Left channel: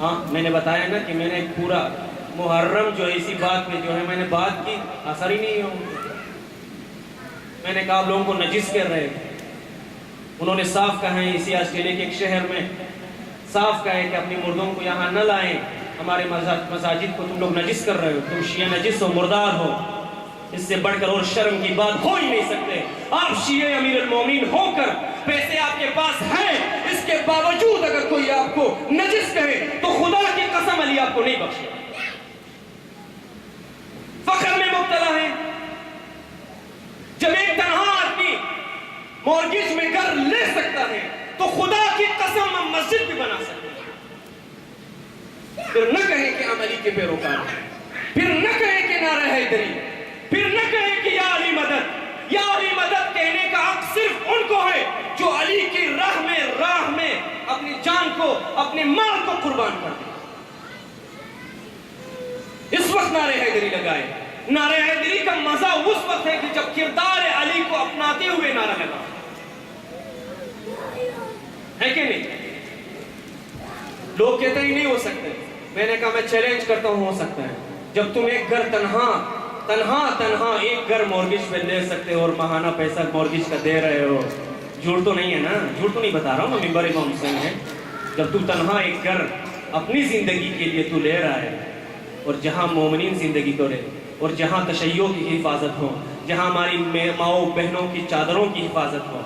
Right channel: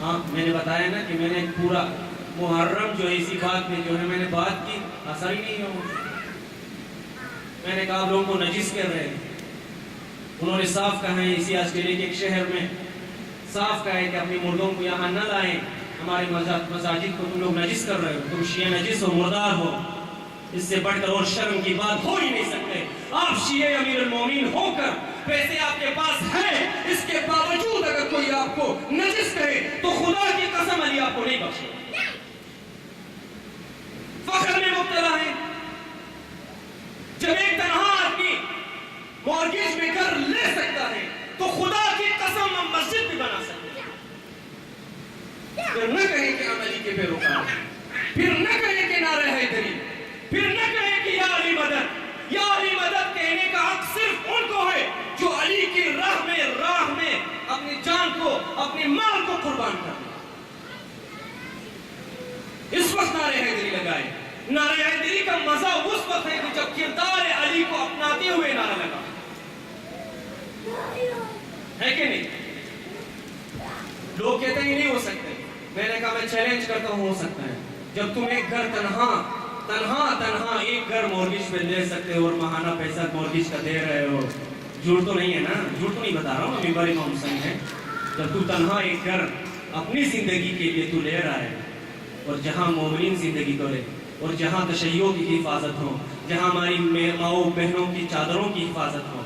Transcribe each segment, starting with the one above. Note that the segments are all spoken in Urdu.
ہاں میں نے بتایا نا کہ میں نے پورا محرم جو ہے اسی بات میں جو ہے میں نے بات کی، اثر ہی نہیں ہوا۔ میں نے کہا لوگوں کو نجس کر رہے ہیں، انہوں نے صاف کہا ہے اسی آسٹریلیا کے ایک شہر میں صاف کہا ہے کہ اپنی مردوں کو یہاں نہ لائیں، ہمارے مساجد کو تم لوگ نجس کر رہے ہو، تم شیعہ نجس ہو، مردار ہو۔ اس سے بڑھ کر اور شرم کی بات ہو ہی نہیں سکتے۔ آپ شیعہ امیر المومنین ہو کر پیسے آپ کے پاس ہیں، اس کے باوجود اگر کوئی آپ کو نجس کہے تو خدا کی قسم علی آپ کو نہیں بخشے۔ فخر میں مبتلا ہے۔ جب ایک تنہا آدمی مورگیج میں گھر لے سکتا ہے تو خدا کی قسم ہم مسجد بھی بنا سکتے ہیں۔ پھر نہ کہیں کہ ہم علی کے پیروکار ہیں، پھر نہ کہیں کہ نعرہ حیدری، پھر نہ کہیں کہ یا علی مدد۔ یا علی مدد کہنے کا حق صرف ان کو ہے جو علی کی راہ میں اپنی جان کو، اپنے مال کو قربان کر دیں۔ اس وقت نعرہ حیدری لگائے۔ نعرہ حیدری کا مزہ اس وقت ہے کہ جب کردار علی کو اپناتے ہوئے نعرہ لگا ہے کہ نہیں؟ لوگ کہتے ہی نہیں ہو سکتے، میں نے کہا میں چیلنج کرتا ہوں ہو سکتا ہے۔ جب تم ایک گھر تنہا ایک گھر مورگیج پہ لے سکتے ہو اور ماہانہ پیسہ مورگیج کا دے رہے ہو، جھوٹ تو نہیں ہے نا؟ جھوٹ تو نہیں بتا رہا ہوں، ممبر امام حسین ہے۔ جب تو تنہا ایک گھر اپنی زندگی کے لیے تو لے رہا ہے، اور جہاں مومنین زندگی تو لے، اور جہاں تشیع کی حفاظت ہو، جہاں ہماری ماؤں بہنوں کی چادروں کی حفاظت ہو،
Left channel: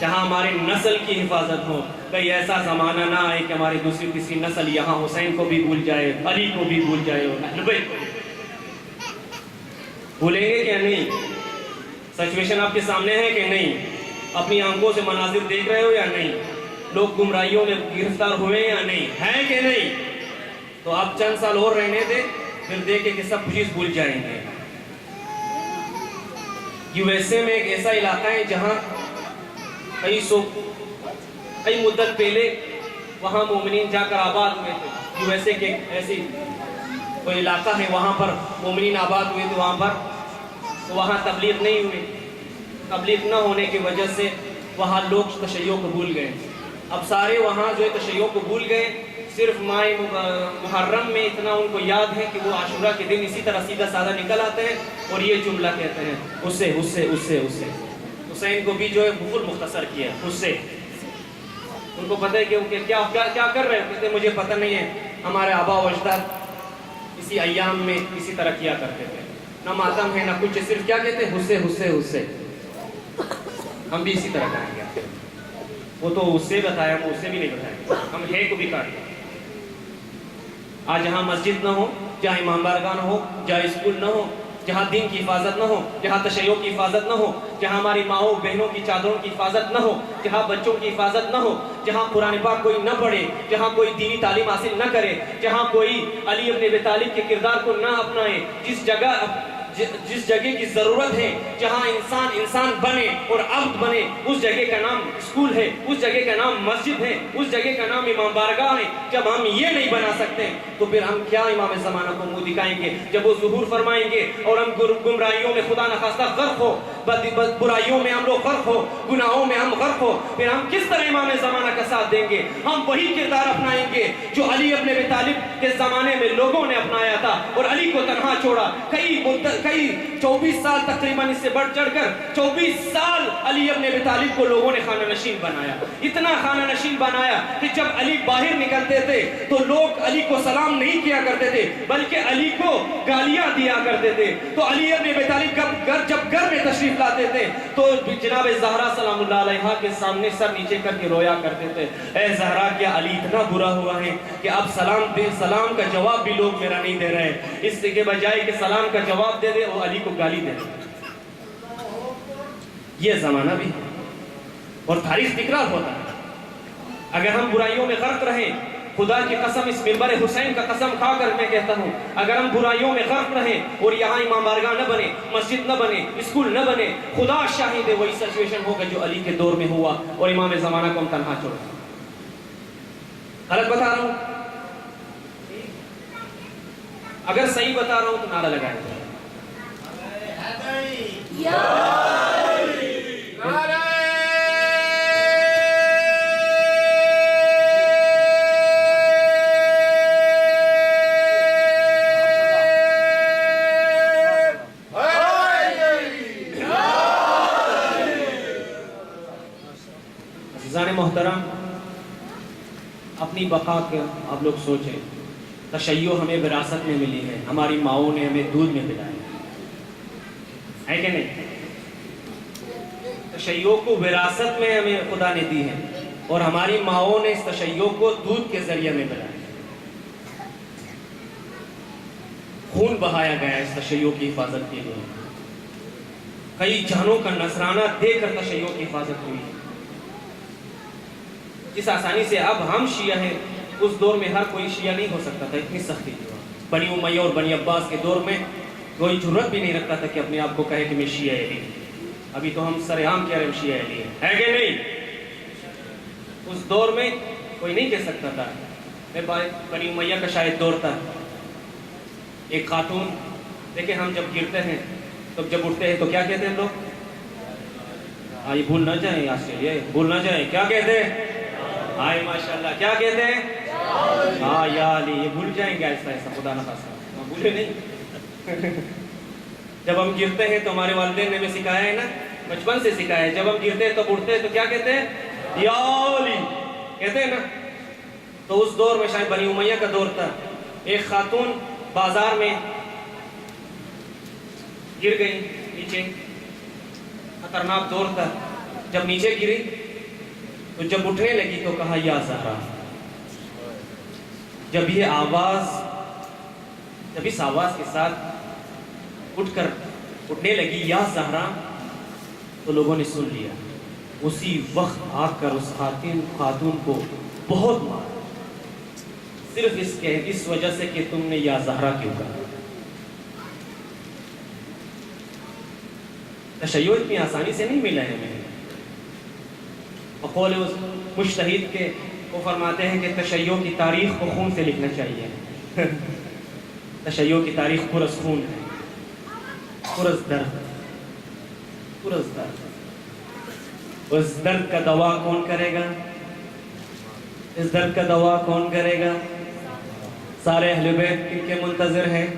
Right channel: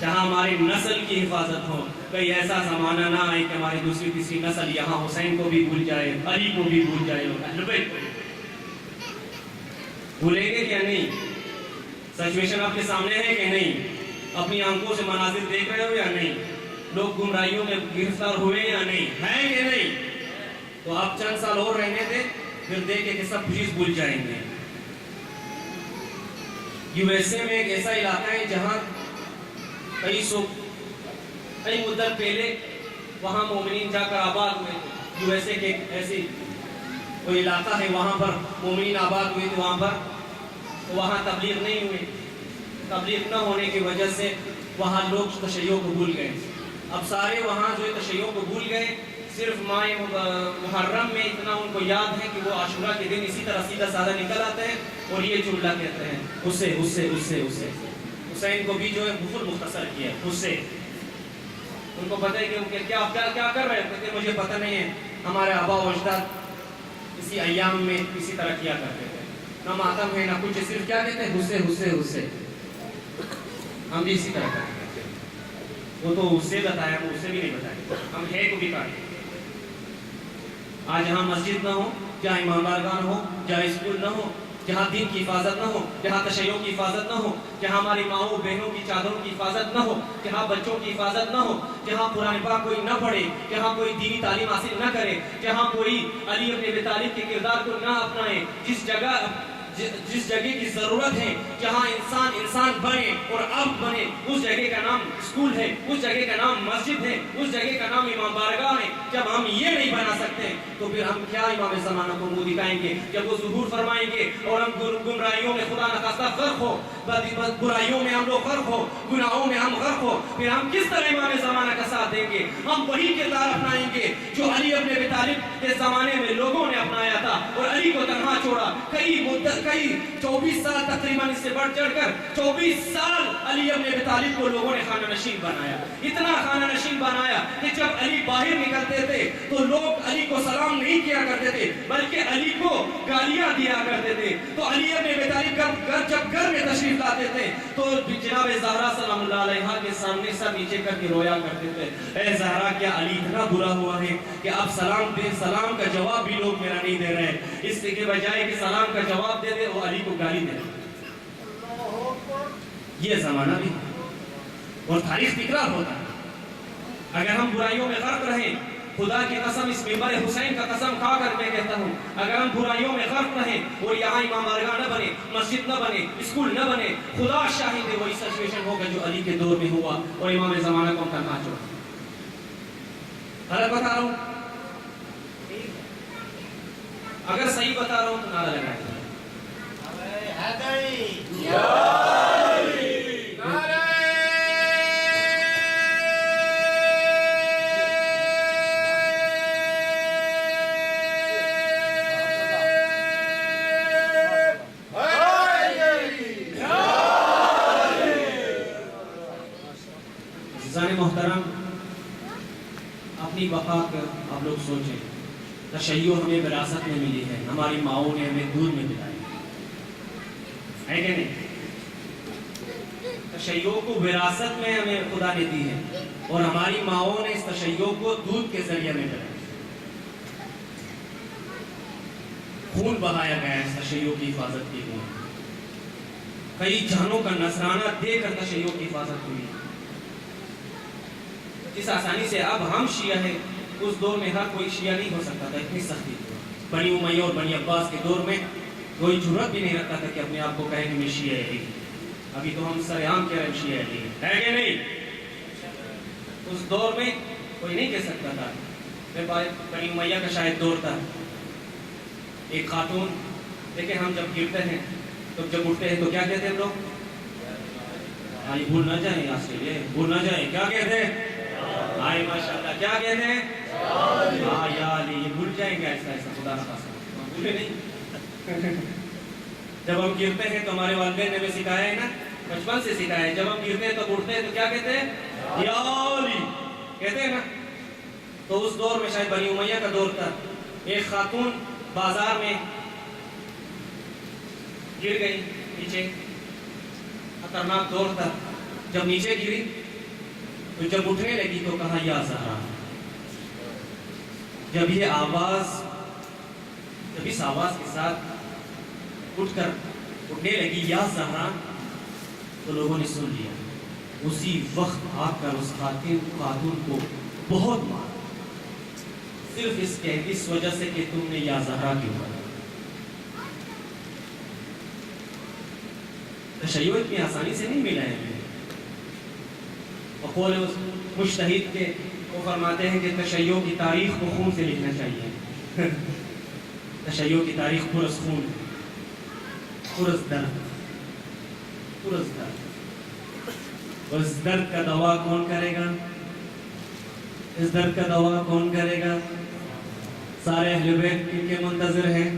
جہاں ہماری نسل کی حفاظت ہو، کہیں ایسا زمانہ نہ آئے کہ ہماری دوسری تیسری نسل یہاں حسین کو بھی بھول جائے، علی کو بھی بھول جائے، اہل بیت کو بھولیں گے کیا نہیں؟ سچویشن آپ کے سامنے ہے کہ نہیں؟ اپنی آنکھوں سے مناظر دیکھ رہے ہو یا نہیں؟ لوگ گمراہیوں میں گرفتار ہوئے یا نہیں؟ ہے کہ نہیں؟ تو آپ چند سال اور رہنے دیں، پھر دیکھیں کہ سب چیز بھول جائیں گے۔ یو ایس اے میں ایک ایسا علاقہ ہے جہاں کئی مدت پہلے وہاں مومنین جا کر آباد ہوئے تھے۔ یو ایس اے کے ایسی کوئی علاقہ ہے، وہاں پر مومنین آباد ہوئے تھے، وہاں تبلیغ نہیں ہوئے۔ تبلیغ نہ ہونے کی وجہ سے وہاں لوگ تشیع کو بھول گئے۔ اب سارے وہاں جو ہے تشیع کو بھول گئے، صرف ماہ محرم میں اتنا ان کو یاد ہے کہ وہ عاشورہ کے دن اسی طرح سیدھا سادہ نکل آتے ہیں اور یہ جملہ کہتے ہیں، اسے حسین کو بھی جو ہے بہت مختصر کیا اسے۔ ان کو پتہ ہے کہ کیا کر رہے ہیں، کہتے ہیں مجھے پتہ نہیں ہے، ہمارے آبا و اجداد اسی ایام میں اسی طرح کیا کرتے تھے، نہ ماتم ہے نہ کچھ، صرف کیا کہتے ہیں، اسے ہم بھی اسی طرح کریں گے۔ وہ تو اس سے بتایا، وہ اس سے بھی نہیں بتایا، ہم ہے کو بھی کاٹیں۔ آج جہاں مسجد نہ ہو، جہاں امام بارگاہ نہ ہو، جہاں اسکول نہ ہو، جہاں دین کی حفاظت نہ ہو، جہاں تشیع کی حفاظت نہ ہو، جہاں ہماری ماؤں بہنوں کی چادروں کی حفاظت نہ ہو، جہاں بچوں کی حفاظت نہ ہو، جہاں قرآن پاک کوئی نہ پڑھے، جہاں کوئی دینی تعلیم حاصل نہ کرے، جہاں کوئی علی ابن ابی طالب کے کردار کو نہ اپنائے، جس جگہ کی ضرورت ہے، جہاں انسان بنے اور عبد بنے، اس جگہ کا نام اسکول ہے، اس جگہ کا نام مسجد ہے، اس جگہ کا نام امام بارگاہ ہے۔ جب ہم یہ نہیں بنا سکتے تو پھر ہم کیا امام زمانہ کو منہ دکھائیں گے؟ جب وہ ظہور فرمائیں گے اور ہم گمراہیوں میں خدا نخواستہ غرق ہو، برائیوں میں ہم لوگ غرق ہو، گناہوں میں ہم غرق ہو، پھر ہم کس طرح امام زمانہ کا ساتھ دیں گے؟ ہم وہی کردار اپنائیں گے جو علی ابن ابی طالب کے زمانے میں لوگوں نے اپنایا تھا اور علی کو تنہا چھوڑا۔ کئی 24 سال تقریباً، اس سے بڑھ چڑھ کر 24 سال علی ابن ابی طالب کو لوگوں نے خانہ نشین بنایا، اتنا خانہ نشین بنایا کہ جب علی باہر نکلتے تھے تو لوگ علی کو سلام نہیں کیا کرتے تھے بلکہ علی کو گالیاں دیا کرتے تھے۔ تو علی ابن ابی طالب جب گھر میں تشریف لاتے تھے تو جناب زہرا سلام اللہ علیہا کے سامنے سر نیچے کر کے رویا کرتے تھے، اے زہرا کیا علی اتنا برا ہوا ہے کہ اب سلام کا جواب بھی لوگ میرا نہیں دے رہے ہیں، اس کے بجائے کہ سلام کا جواب دے دے وہ علی کو گالی دے دے۔ یہ زمانہ بھی اور تاریخ تکرار ہوتا ہے۔ اگر ہم برائیوں میں غرق رہیں، خدا کی قسم اس منبر حسین کا قسم کھا کر میں کہتا ہوں، اگر ہم برائیوں میں غرق رہیں اور یہاں امام بارگاہ نہ بنے، مسجد نہ بنے، اسکول نہ بنے، خدا شاہد ہے وہی سچویشن ہوگا جو علی کے دور میں ہوا اور امام زمانہ کو ہم تنہا چھوڑا۔ غلط بتا رہا ہوں؟ اگر صحیح بتا رہا ہوں تو نعرہ لگائیں۔ عزیزان محترم، اپنی بقا کا آپ لوگ سوچیں، تشیع ہمیں وراثت میں ملی ہے، ہماری ماؤں نے ہمیں دودھ میں پلایا ہے کہ نہیں؟ تشیع کو وراثت میں ہمیں خدا نے دی ہے اور ہماری ماؤں نے اس تشیع کو دودھ کے ذریعے میں پلایا، خون بہایا گیا اس تشیع کی حفاظت کے لیے، کئی جانوں کا نذرانہ دے کر تشیع کی حفاظت ہوئی ہے۔ جس آسانی سے اب ہم شیعہ ہیں، اس دور میں ہر کوئی شیعہ نہیں ہو سکتا تھا، اتنی سختی تھی۔ بنی امیہ اور بنی عباس کے دور میں کوئی جرأت بھی نہیں رکھتا تھا کہ اپنے آپ کو کہے کہ میں شیعہ علی۔ ابھی تو ہم سر عام کہہ رہے ہیں شیعہ علی ہے کہ نہیں؟ اس دور میں کوئی نہیں کہہ سکتا تھا۔ بنی امیہ کا شاید دور تھا، ایک خاتون، دیکھیں ہم جب گرتے ہیں تو جب اٹھتے ہیں تو کیا کہتے ہیں لوگ؟ آئی بھول نہ جائیں، یہاں سے یہ بھول نہ جائیں، کیا کہتے ہیں؟ آئی ماشاءاللہ، کیا کہتے ہیں؟ ہاں یا علی، یہ بھول جائیں گے ایسا ایسا، خدا نہ خاصا بھولے نہیں۔ جب ہم گرتے ہیں تو ہمارے والدین نے ہمیں سکھایا ہے نا، بچپن سے سکھایا ہے، جب ہم گرتے ہیں تو اٹھتے ہیں تو کیا کہتے ہیں؟ یا علی کہتے ہیں نا۔ تو اس دور میں شاید بنی امیہ کا دور تھا، ایک خاتون بازار میں گر گئی نیچے، خطرناک دور تھا، جب نیچے گری تو جب اٹھنے لگی تو کہا یا زہرا۔ جب یہ آواز، جب اس آواز کے ساتھ اٹھنے لگی یا زہرا، تو لوگوں نے سن لیا، اسی وقت آ کر اس خاتون کو بہت مارا، صرف اس وجہ سے کہ تم نے یا زہرا کیوں کہا۔ تشیع اتنی آسانی سے نہیں ملا ہے ہمیں۔ قول مجتہد کے وہ فرماتے ہیں کہ تشیع کی تاریخ کو خون سے لکھنا چاہیے۔ تشیع کی تاریخ پرس خون ہے، پرس درد، پرس درد۔ اس درد کا دوا کون کرے گا؟ اس درد کا دوا کون کرے گا؟ سارے اہل بیت کن کے منتظر ہیں؟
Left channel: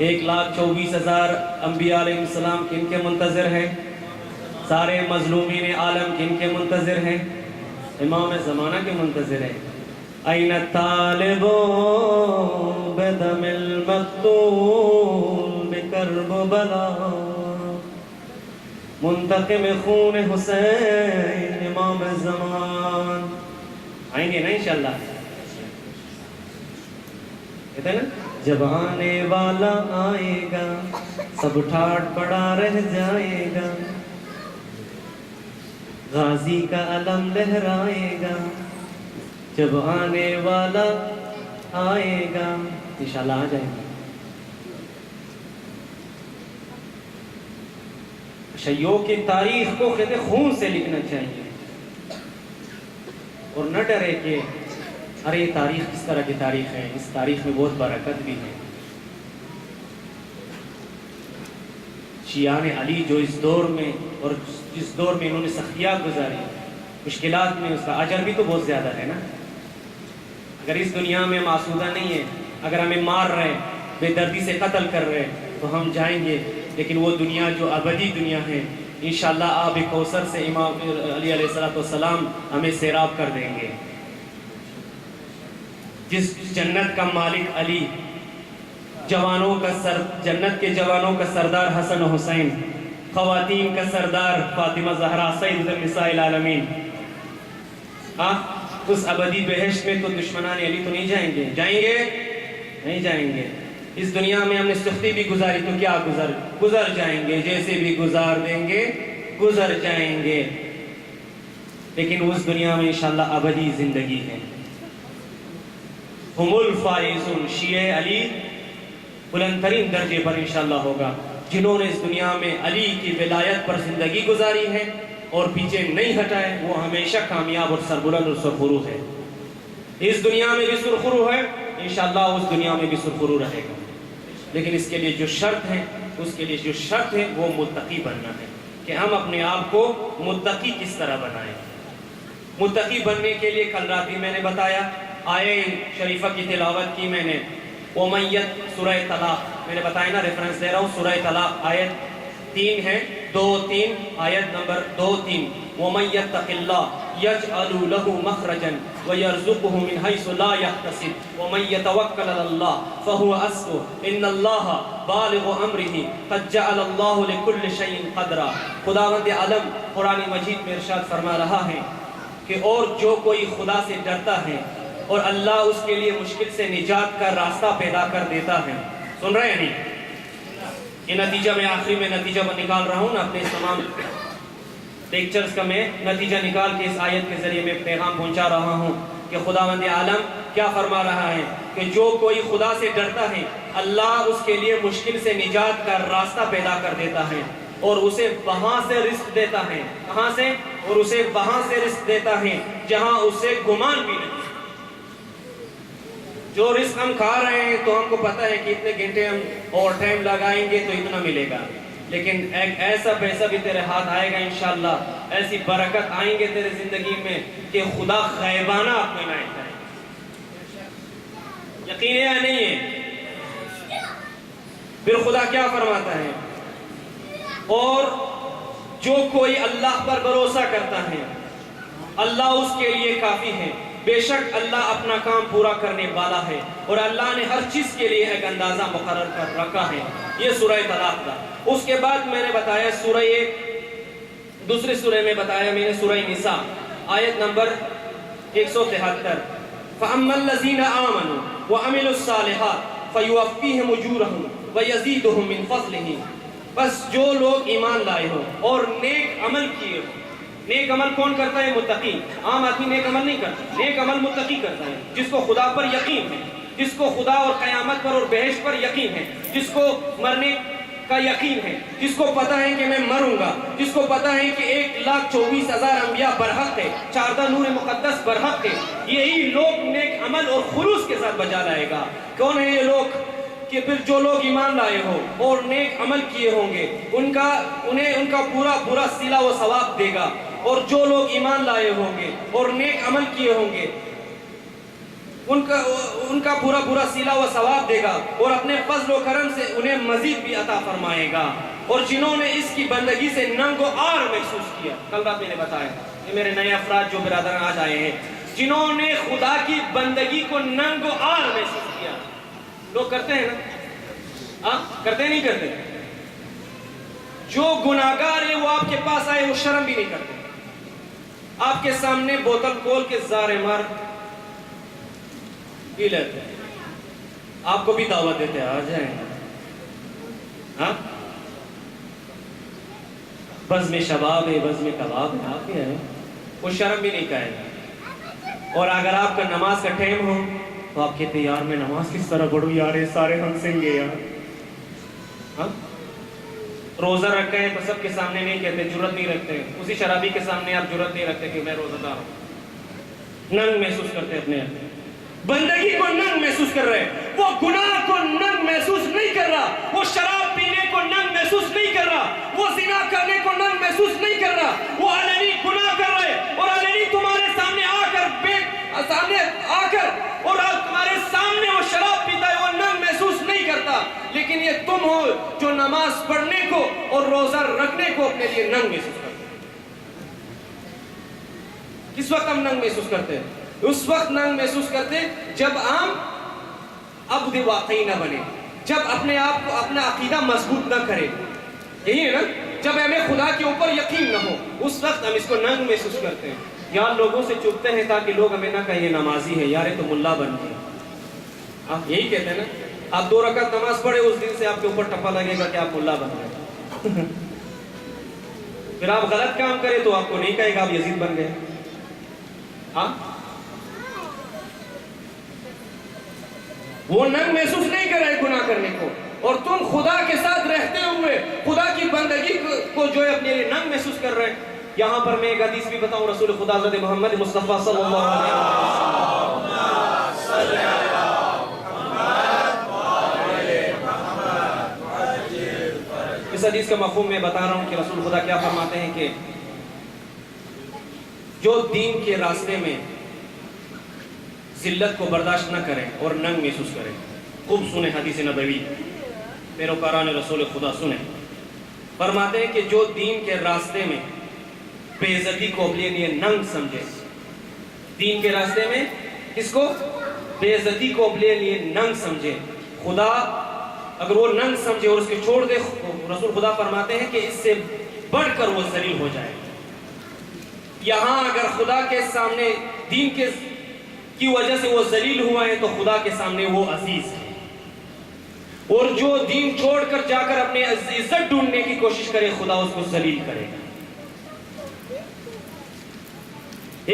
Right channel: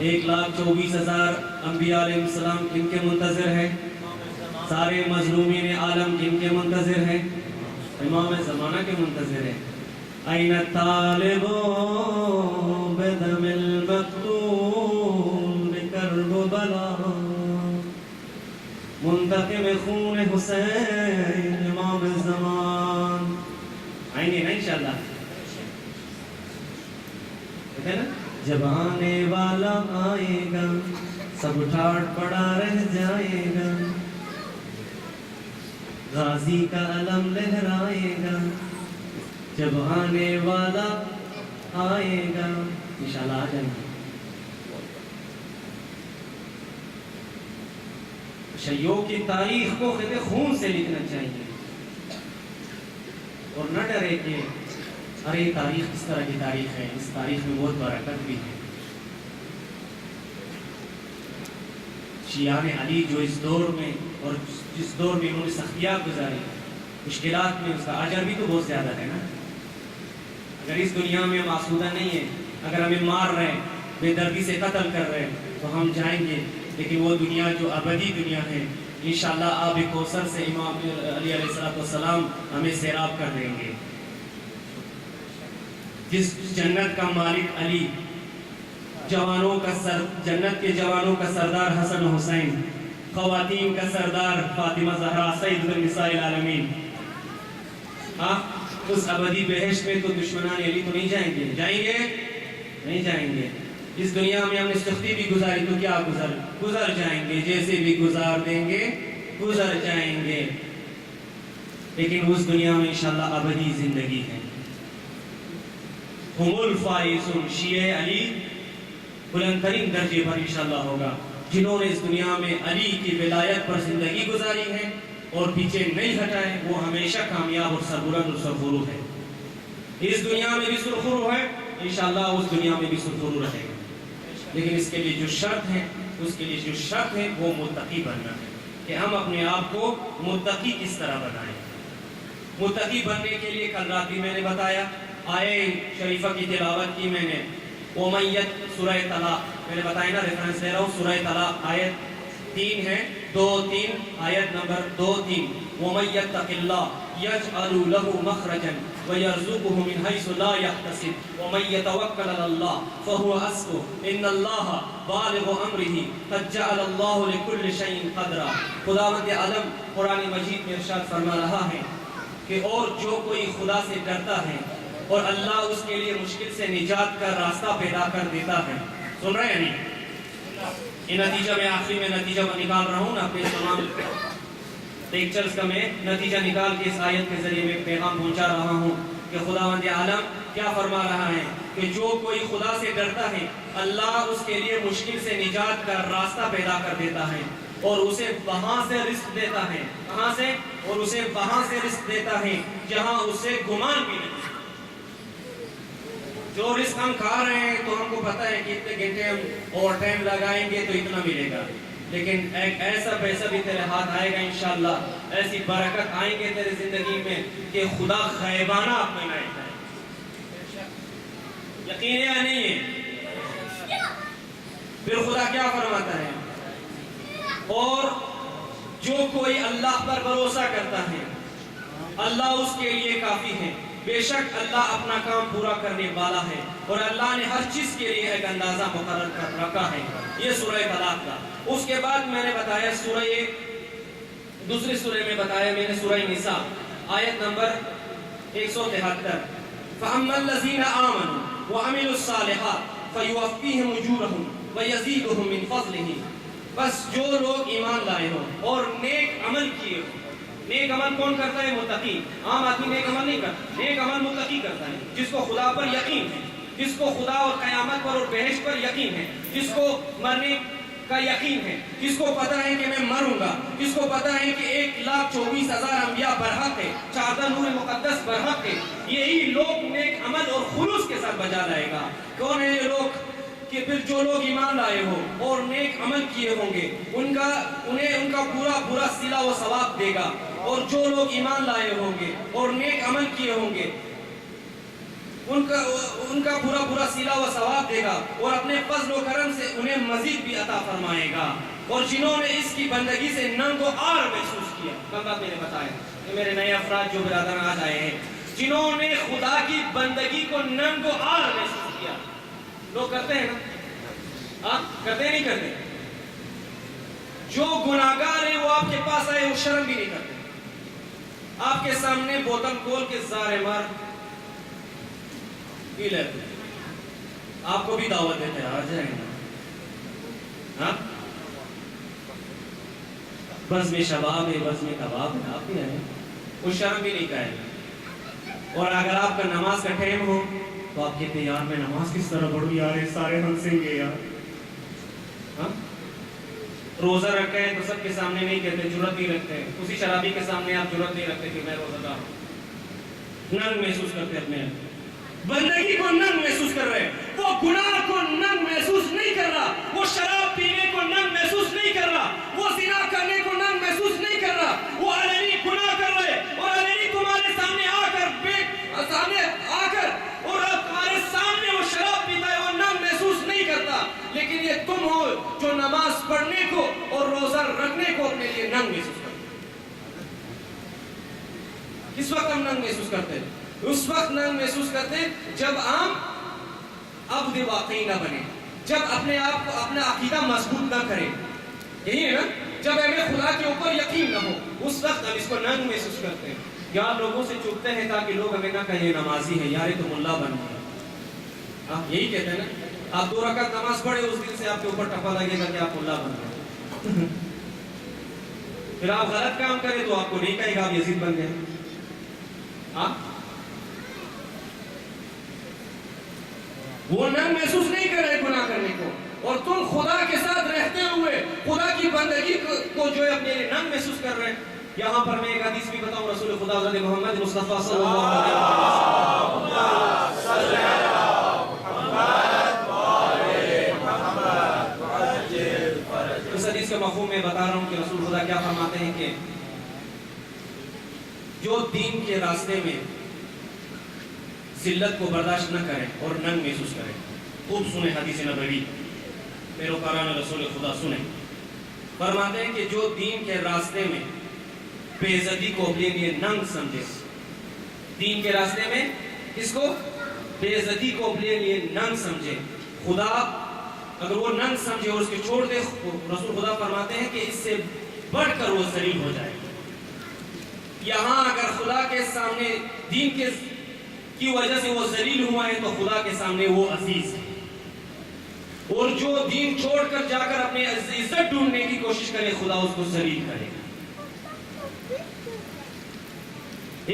1,24,000 انبیاء علیہ السلام کن کے منتظر ہیں؟ سارے مظلومین عالم کن کے منتظر ہیں؟ امام زمانہ کے منتظر ہیں۔ این الطالب بدم المقتول بکربلا، منتقم خون حسین امام زمان۔ آئیں گے نا انشاءاللہ؟ کہتے ہیں نا، جب آنے والا آئے گا سب ٹھاٹ پڑا رہ جائے گا، غازی کا علم لہرائے گا، جب آنے والا آئے گا۔ انشاءاللہ آ جائیں گے۔ تشیع کی تاریخ کو کہتے خون سے لکھنا چاہیے، اور نہ ڈرے کہ ارے یہ تاریخ کس طرح کی تاریخ ہے، اس تاریخ میں بہت برکت بھی ہے۔ شیعان علی جو اس دور میں اور جس دور میں انہوں نے سختیات گزاری، مشکلات میں، اس کا اجر بھی تو بہت زیادہ ہے نا۔ اگر اس دنیا میں ہم آسودہ نہیں ہیں، اگر ہمیں مار رہے ہیں، بے دردی سے قتل کر رہے ہیں، تو ہم جائیں گے، لیکن وہ دنیا جو ابدی دنیا ہے، انشاءاللہ آب کوثر سے امام علی علیہ السلام ہمیں سیراب کر دیں گے۔ جس جنت کا مالک علی، جنت کے جوانوں کا سردار حسن و حسین، خواتین کا سردار فاطمہ زہرا سید النساء العالمین، اس ابدی بہشت میں تو دشمنان علی تو نہیں جائیں گے؟ جائیں گے؟ نہیں جائیں گے۔ اس دنیا میں ہم نے سختی بھی گزاری تو کیا گزر جائیں گے، جیسے بھی گزار دیں گے گزر جائیں گے، لیکن اس دنیا میں انشاءاللہ ابدی زندگی ہے۔ ہم الفائزون، شیعہ علی بلند ترین درجے پر انشاءاللہ ہوگا، جنہوں نے اس دنیا میں علی کی ولایت پر زندگی گزاری ہے اور پیچھے نہیں ہٹائے، وہ ہمیشہ کامیاب اور سربلند اور سرخرو ہے۔ اس دنیا میں بھی سرخرو ہے، انشاءاللہ اس دنیا میں بھی سرخرو رہے گا، لیکن اس کے لیے جو شرط ہے وہ متقی بننا ہے، کہ ہم اپنے آپ کو متقی کس طرح بنائیں۔ متقی بننے کے لیے کل رات بھی میں نے بتایا، آیے شریفہ کی تلاوت کی میں نے، امیت سورہ طلاق، میں نے بتایا نا، ریفرنس دے رہا ہوں، سورہ طلاق آیت 3 ہے، 2-3، آیت نمبر 2-3، وَمَن يَتَّقِ اللَّهَ يَجْعَلْ لَهُ مَخْرَجًا وَيَرْزُقْهُ مِنْ حَيْثُ لَا يَحْتَسِبُ وَمَن يَتَوَكَّلْ عَلَى اللَّهِ فَهُوَ حَسْبُهُ إِنَّ اللَّهَ بالغ أَمْرِهِ قَدْ جَعَلَ اللَّهُ لِكُلِّ شَيْءٍ قَدْرًا۔ خداوند عالم قرآن مجید میں ارشاد فرما رہا ہے کہ اور جو کوئی خدا سے ڈرتا ہے اور اللہ اس کے لیے مشکل سے نجات کا راستہ پیدا کر دیتا ہے۔ سن رہے ہیں نہیں؟ یہ نتیجہ میں آخری میں نتیجہ نکال رہا ہوں نا، اپنے تمام لیکچرز کا میں نتیجہ نکال کے اس آیت کے ذریعے میں پیغام پہنچا رہا ہوں کہ خداوند عالم کیا فرما رہا ہے کہ جو کوئی خدا سے ڈرتا ہے اللہ اس کے لیے مشکل سے نجات کا راستہ پیدا کر دیتا ہے اور اسے وہاں سے رزق دیتا ہے۔ کہاں سے؟ اور اسے وہاں سے رزق دیتا ہے جہاں اسے گمان بھی نہیں۔ جو رزق ہم کھا رہے ہیں تو ہم کو پتہ ہے کہ اتنے گھنٹے ہم اور ٹائم لگائیں گے تو اتنا ملے گا، لیکن ایک ایسا پیسہ بھی تیرے ہاتھ آئے گا انشاءاللہ، ایسی برکت آئیں گے تیرے زندگی میں کہ خدا غیبانہ اپنے نائب ہے۔ یقین ہے یا نہیں ہے؟ پھر خدا کیا فرماتا ہے؟ اور جو کوئی اللہ پر بھروسہ کرتا ہے اللہ اس کے لیے کافی ہے، بے شک اللہ اپنا کام پورا کرنے والا ہے اور اللہ نے ہر چیز کے لیے ایک اندازہ مقرر کر رکھا ہے۔ یہ سورہ طلاق کا۔ اس کے بعد میں نے بتایا دوسری سورہ میں بتایا میں نے سورہ نساء آیت نمبر 173 فَأَمَّا الَّذِينَ آمَنُوا وَعَمِلُوا الصَّالِحَاتِ فَيُوَفِّيهِمْ أُجُورَهُمْ وَيَزِيدُهُم مِّن فَضْلِهِ۔ بس جو لوگ ایمان لائے ہو اور نیک عمل کیے ہو۔ نیک عمل کون کرتا ہے؟ متقی۔ عام آدمی نیک عمل نہیں کرتا، نیک عمل متقی کرتا ہے، جس کو خدا پر یقین ہے، جس کو خدا اور قیامت پر اور بہشت پر یقین ہے، جس کو مرنے کا یقین ہے، جس کو پتہ ہے کہ میں مروں گا، جس کو پتہ ہے کہ 1,24,000 انبیاء برحق ہے، 14 نور مقدس برحق ہے۔ یہی لوگ نیک عمل اور خلوص کے ساتھ بجا لائے گا۔ کون ہے یہ لوگ؟ کہ پھر جو لوگ ایمان لائے ہو اور نیک عمل کیے ہوں گے انہیں ان کا پورا صلہ و ثواب دے گا، اور جو لوگ ایمان لائے ہوں گے اور نیک عمل کیے ہوں گے ان کا پورا صلہ و ثواب دے گا اور اپنے فضل و کرم سے انہیں مزید بھی عطا فرمائے گا۔ اور جنہوں نے اس کی بندگی سے ننگ و عار محسوس کیا، کل رات میں نے بتایا یہ میرے نئے افراد جو برادر آج آئے ہیں، جنہوں نے خدا کی بندگی کو ننگ و عار محسوس کیا۔ لوگ کرتے ہیں نا؟ کرتے نہیں کرتے؟ جو گناہگار ہیں وہ آپ کے پاس آئے وہ شرم بھی نہیں کرتے، آپ کے سامنے بوتل کھول کے زارے مار پی لیتے، آپ کو بھی دعوت دیتے ہیں آ جائیں گے۔ بس میں شباب ہے، بس میں کباب ہے، آپ بھی ہیں، وہ شرم بھی نہیں کہے۔ اور اگر آپ کا نماز کا ٹائم ہو تو آپ کہتے یار میں نماز کس طرح پڑھوں یار، سارے ہنسیں گے یار۔ روزہ رکھے ہیں تو سب کے سامنے نہیں کہتے، جرت نہیں رکھتے، اسی شرابی کے سامنے آپ جرت نہیں رکھتے کہ میں روزہ دار ہوں۔ ننگ محسوس کرتے اپنے بندگی کو، ننگ محسوس کر رہے ہیں۔ وہ گناہ کو ننگ محسوس نہیں کر رہا، وہ شراب پینے کو ننگ محسوس نہیں کر رہا، وہ زنا کرنے کو ننگ محسوس نہیں کر رہا، وہ علنی گناہ کر رہے اور علنی تمہارے سامنے آ کر اور تمہارے سامنے وہ شراب پیتا ہے، وہ ننگ محسوس نہیں کرتا۔ لیکن یہ تم ہو جو نماز پڑھنے کو اور روزہ رکھنے کو اپنے لیے ننگ محسوس کرتے۔ کس وقت ہم ننگ محسوس کرتے ہیں؟ اس وقت ننگ محسوس کرتے جب ہم عبد واقعی نہ بنے، جب اپنے آپ کو اپنا عقیدہ مضبوط نہ کرے، یہی ہے نا؟ جب ہمیں خدا کے اوپر یقین نہ ہو، اس وقت ہم اس کو ننگ محسوس کرتے ہیں۔ یار لوگوں سے چھپتے ہیں تاکہ لوگ ہمیں نہ کہیں یہ نمازی ہے، یار یہ تو ملا بن گیا۔ آپ یہی کہتے ہیں نا؟ آپ 2 رکعت نماز پڑھے، اس دن سے آپ کے اوپر ٹپا لگے گا کہ آپ ملا بن گئے۔ پھر آپ غلط کام کریں تو آپ کو نہیں کہے گا آپ یزید بن گئے۔ وہ ننگ محسوس نہیں کر رہے گناہ کرنے کو، اور تم خدا کے ساتھ رہتے ہوئے خدا کی بندگی کو جو ہے اپنے لیے ننگ محسوس کر رہے ہیں۔ یہاں پر میں ایک حدیث بھی بتاؤں، رسول خدا حضرت محمد مصطفیٰ صلی اللہ علیہ وسلم، اس حدیث کا مفہوم میں بتا رہا ہوں کہ رسول خدا کیا فرماتے ہیں کہ جو دین کے راستے میں ذلت کو برداشت نہ کرے اور ننگ محسوس کرے۔ خوب سنیں حدیث نبوی، پیروکاران رسول خدا سنیں۔ فرماتے ہیں کہ جو دین کے راستے میں بے عزتی کو اپنے لیے ننگ سمجھے. دین کے راستے میں کس کو؟ بے عزتی کو اپنے لیے ننگ سمجھے. خدا اگر وہ ننگ سمجھے اور اس کو چھوڑ دے، رسول خدا فرماتے ہیں کہ اس سے بڑھ کر وہ ذلیل ہو جائے. یہاں اگر خدا کے سامنے دین کی وجہ سے وہ ذلیل ہوا ہے تو خدا کے سامنے وہ عزیز ہے. اور جو دین چھوڑ کر جا کر اپنے عزت ڈھونڈنے کی کوشش کرے، خدا اس کو ذلیل کرے.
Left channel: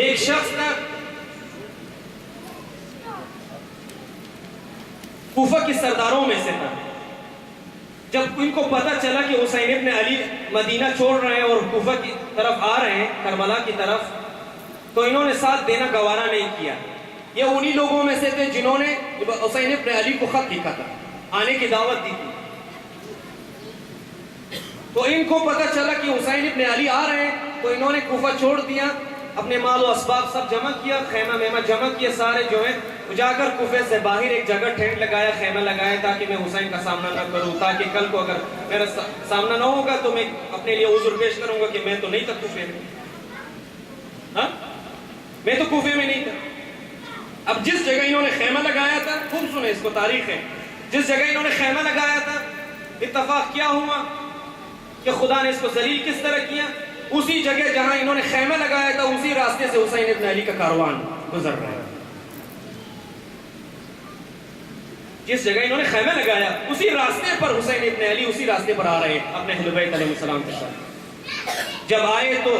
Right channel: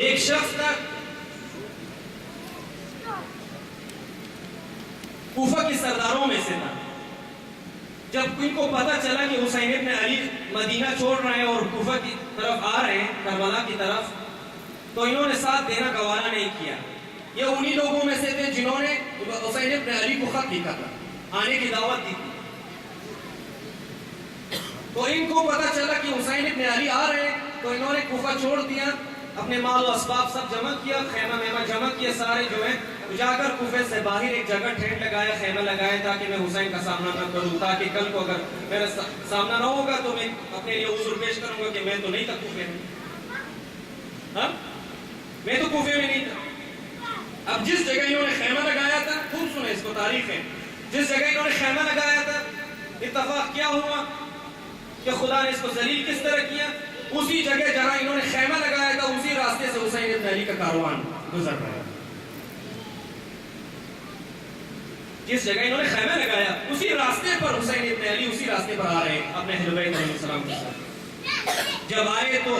ایک شخص تھا کوفہ کے سرداروں میں سے تھا. جب ان کو پتا چلا کہ حسین ابن علی مدینہ چھوڑ رہے ہیں اور کوفہ کی طرف آ رہے ہیں، کربلا کی طرف، تو انہوں نے ساتھ دینا گوارا نہیں کیا. یہ انہی لوگوں میں سے تھے جنہوں نے حسین ابن علی کو خط لکھا تھا، آنے کی دعوت دی تھی. تو ان کو پتا چلا کہ حسین ابن علی آ رہے ہیں، تو انہوں نے کوفہ چھوڑ دیا، اپنے مال و اسباب سب جمع کیا، خیمہ میمہ جمع کیا، سارے جو ہے جا کر کوفے سے باہر ایک جگہ ٹینٹ لگایا، خیمہ لگایا، تاکہ میں حسین کا سامنا نہ کروں، تاکہ کل کو اگر میرا سامنا نہ ہوگا تو میں اپنے لیے عذر پیش کروں گا کہ میں تو نہیں تھا کوفے میں. ہاں میں تو کوفے میں نہیں تھا. اب جس جگہ انہوں نے خیمہ لگایا تھا، خوب سنیں اس کو، تاریخ ہے، جس جگہ انہوں نے خیمہ لگایا تھا، اتفاق کیا ہوا کہ خدا نے اس کو ذلیل کس طرح کیا؟ اسی جگہ جہاں انہوں نے خیمہ لگایا تھا، اسی راستے سے حسین ابن علی کا کاروان گزر رہا ہے. جس جگہ انہوں نے خیمہ لگایا اسی راستے پر حسین ابن علی اسی راستے پر آ رہے ہیں اپنے اہل بیت علیہ السلام کے ساتھ. جب آئے تو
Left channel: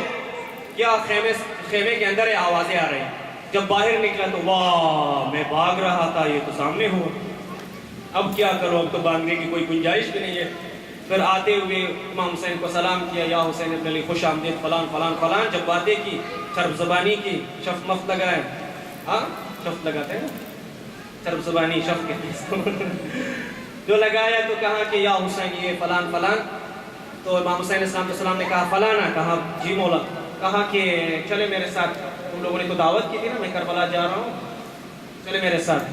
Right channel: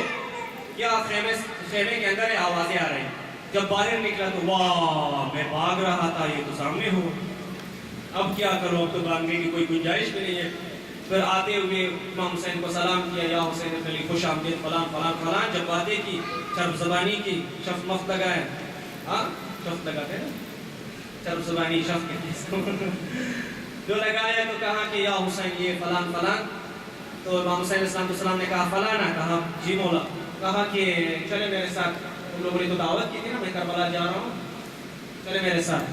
کیا خیمے کے اندر آوازیں آ رہی ہیں. جب باہر نکلا تو واہ، میں بھاگ رہا تھا، یہ تو سامنے ہو، اب کیا کرو، اب تو بھاگنے کی کوئی گنجائش بھی نہیں ہے. پھر آتے ہوئے امام حسین کو سلام کیا، یا حسین ابن علی خوش آمدید، فلان فلان فلان. جب باتیں کی، چرب زبانی کی، شف مفت لگائے، ہاں شف لگاتے ہیں نا، چرب زبانی شف کے جو لگایا تو کہا کہ یا حسین یہ فلان فلان. تو امام حسین علیہ السلام نے کہا فلانا، کہا جی مولا. کہا کہ چلے میرے ساتھ، ان لوگوں نے تو دعوت کی تھی نا، میں کربلا جا رہا ہوں، چلے میرے ساتھ.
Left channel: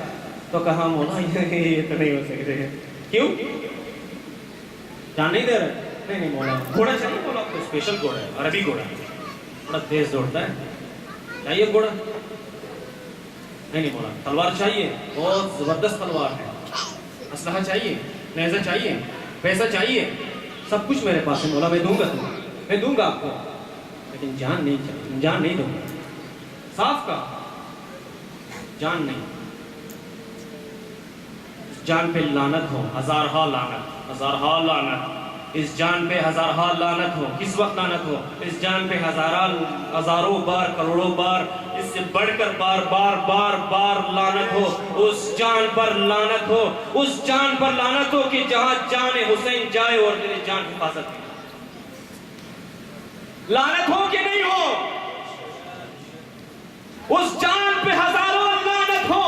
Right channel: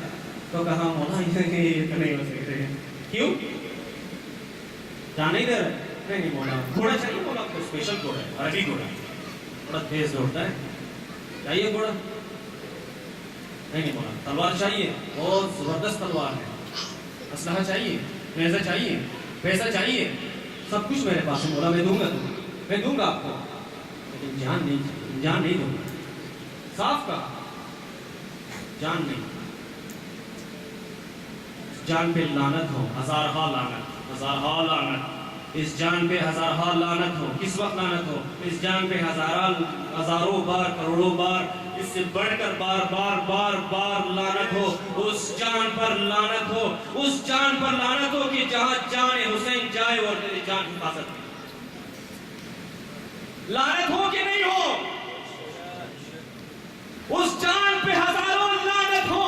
تو کہا مولا یہ تو نہیں ہو سکتے. کیوں جان نہیں دے رہے؟ نہیں مولا، گھوڑا چاہیے مولا. تو اسپیشل گھوڑا ہے، عربی گھوڑا ہے، بڑا تیز دوڑتا ہے، چاہیے گھوڑا؟ نہیں مولا. تلوار چاہیے؟ بہت زبردست تلوار ہے. اسلحہ چاہیے؟ نیزہ چاہیے؟ پیسہ چاہیے؟ سب کچھ میرے پاس ہے مولا، میں دوں گا تمہیں، میں دوں گا آپ کو، لیکن جان نہیں چاہیے، جان نہیں دوں گا. صاف کا جان نہیں. جان پہ لعنت ہو، ہزارہا لعنت، ہزارہا لعنت. اس جان پہ ہزارہا لعنت ہو. کس وقت لعنت ہو؟ اس جان پہ ہزاروں بار، کروڑوں بار، اس سے بڑھ کر بار بار بار بار لعنت ہو. اس جان پر لعنت ہو، اس جان پر لعنت ہو کہ جہاں جان حسین جائے اور تیری جان حفاظت کی. لعنت ہو کہ نہیں ہو؟ اس جان پہ ہزاروں لعنت ہو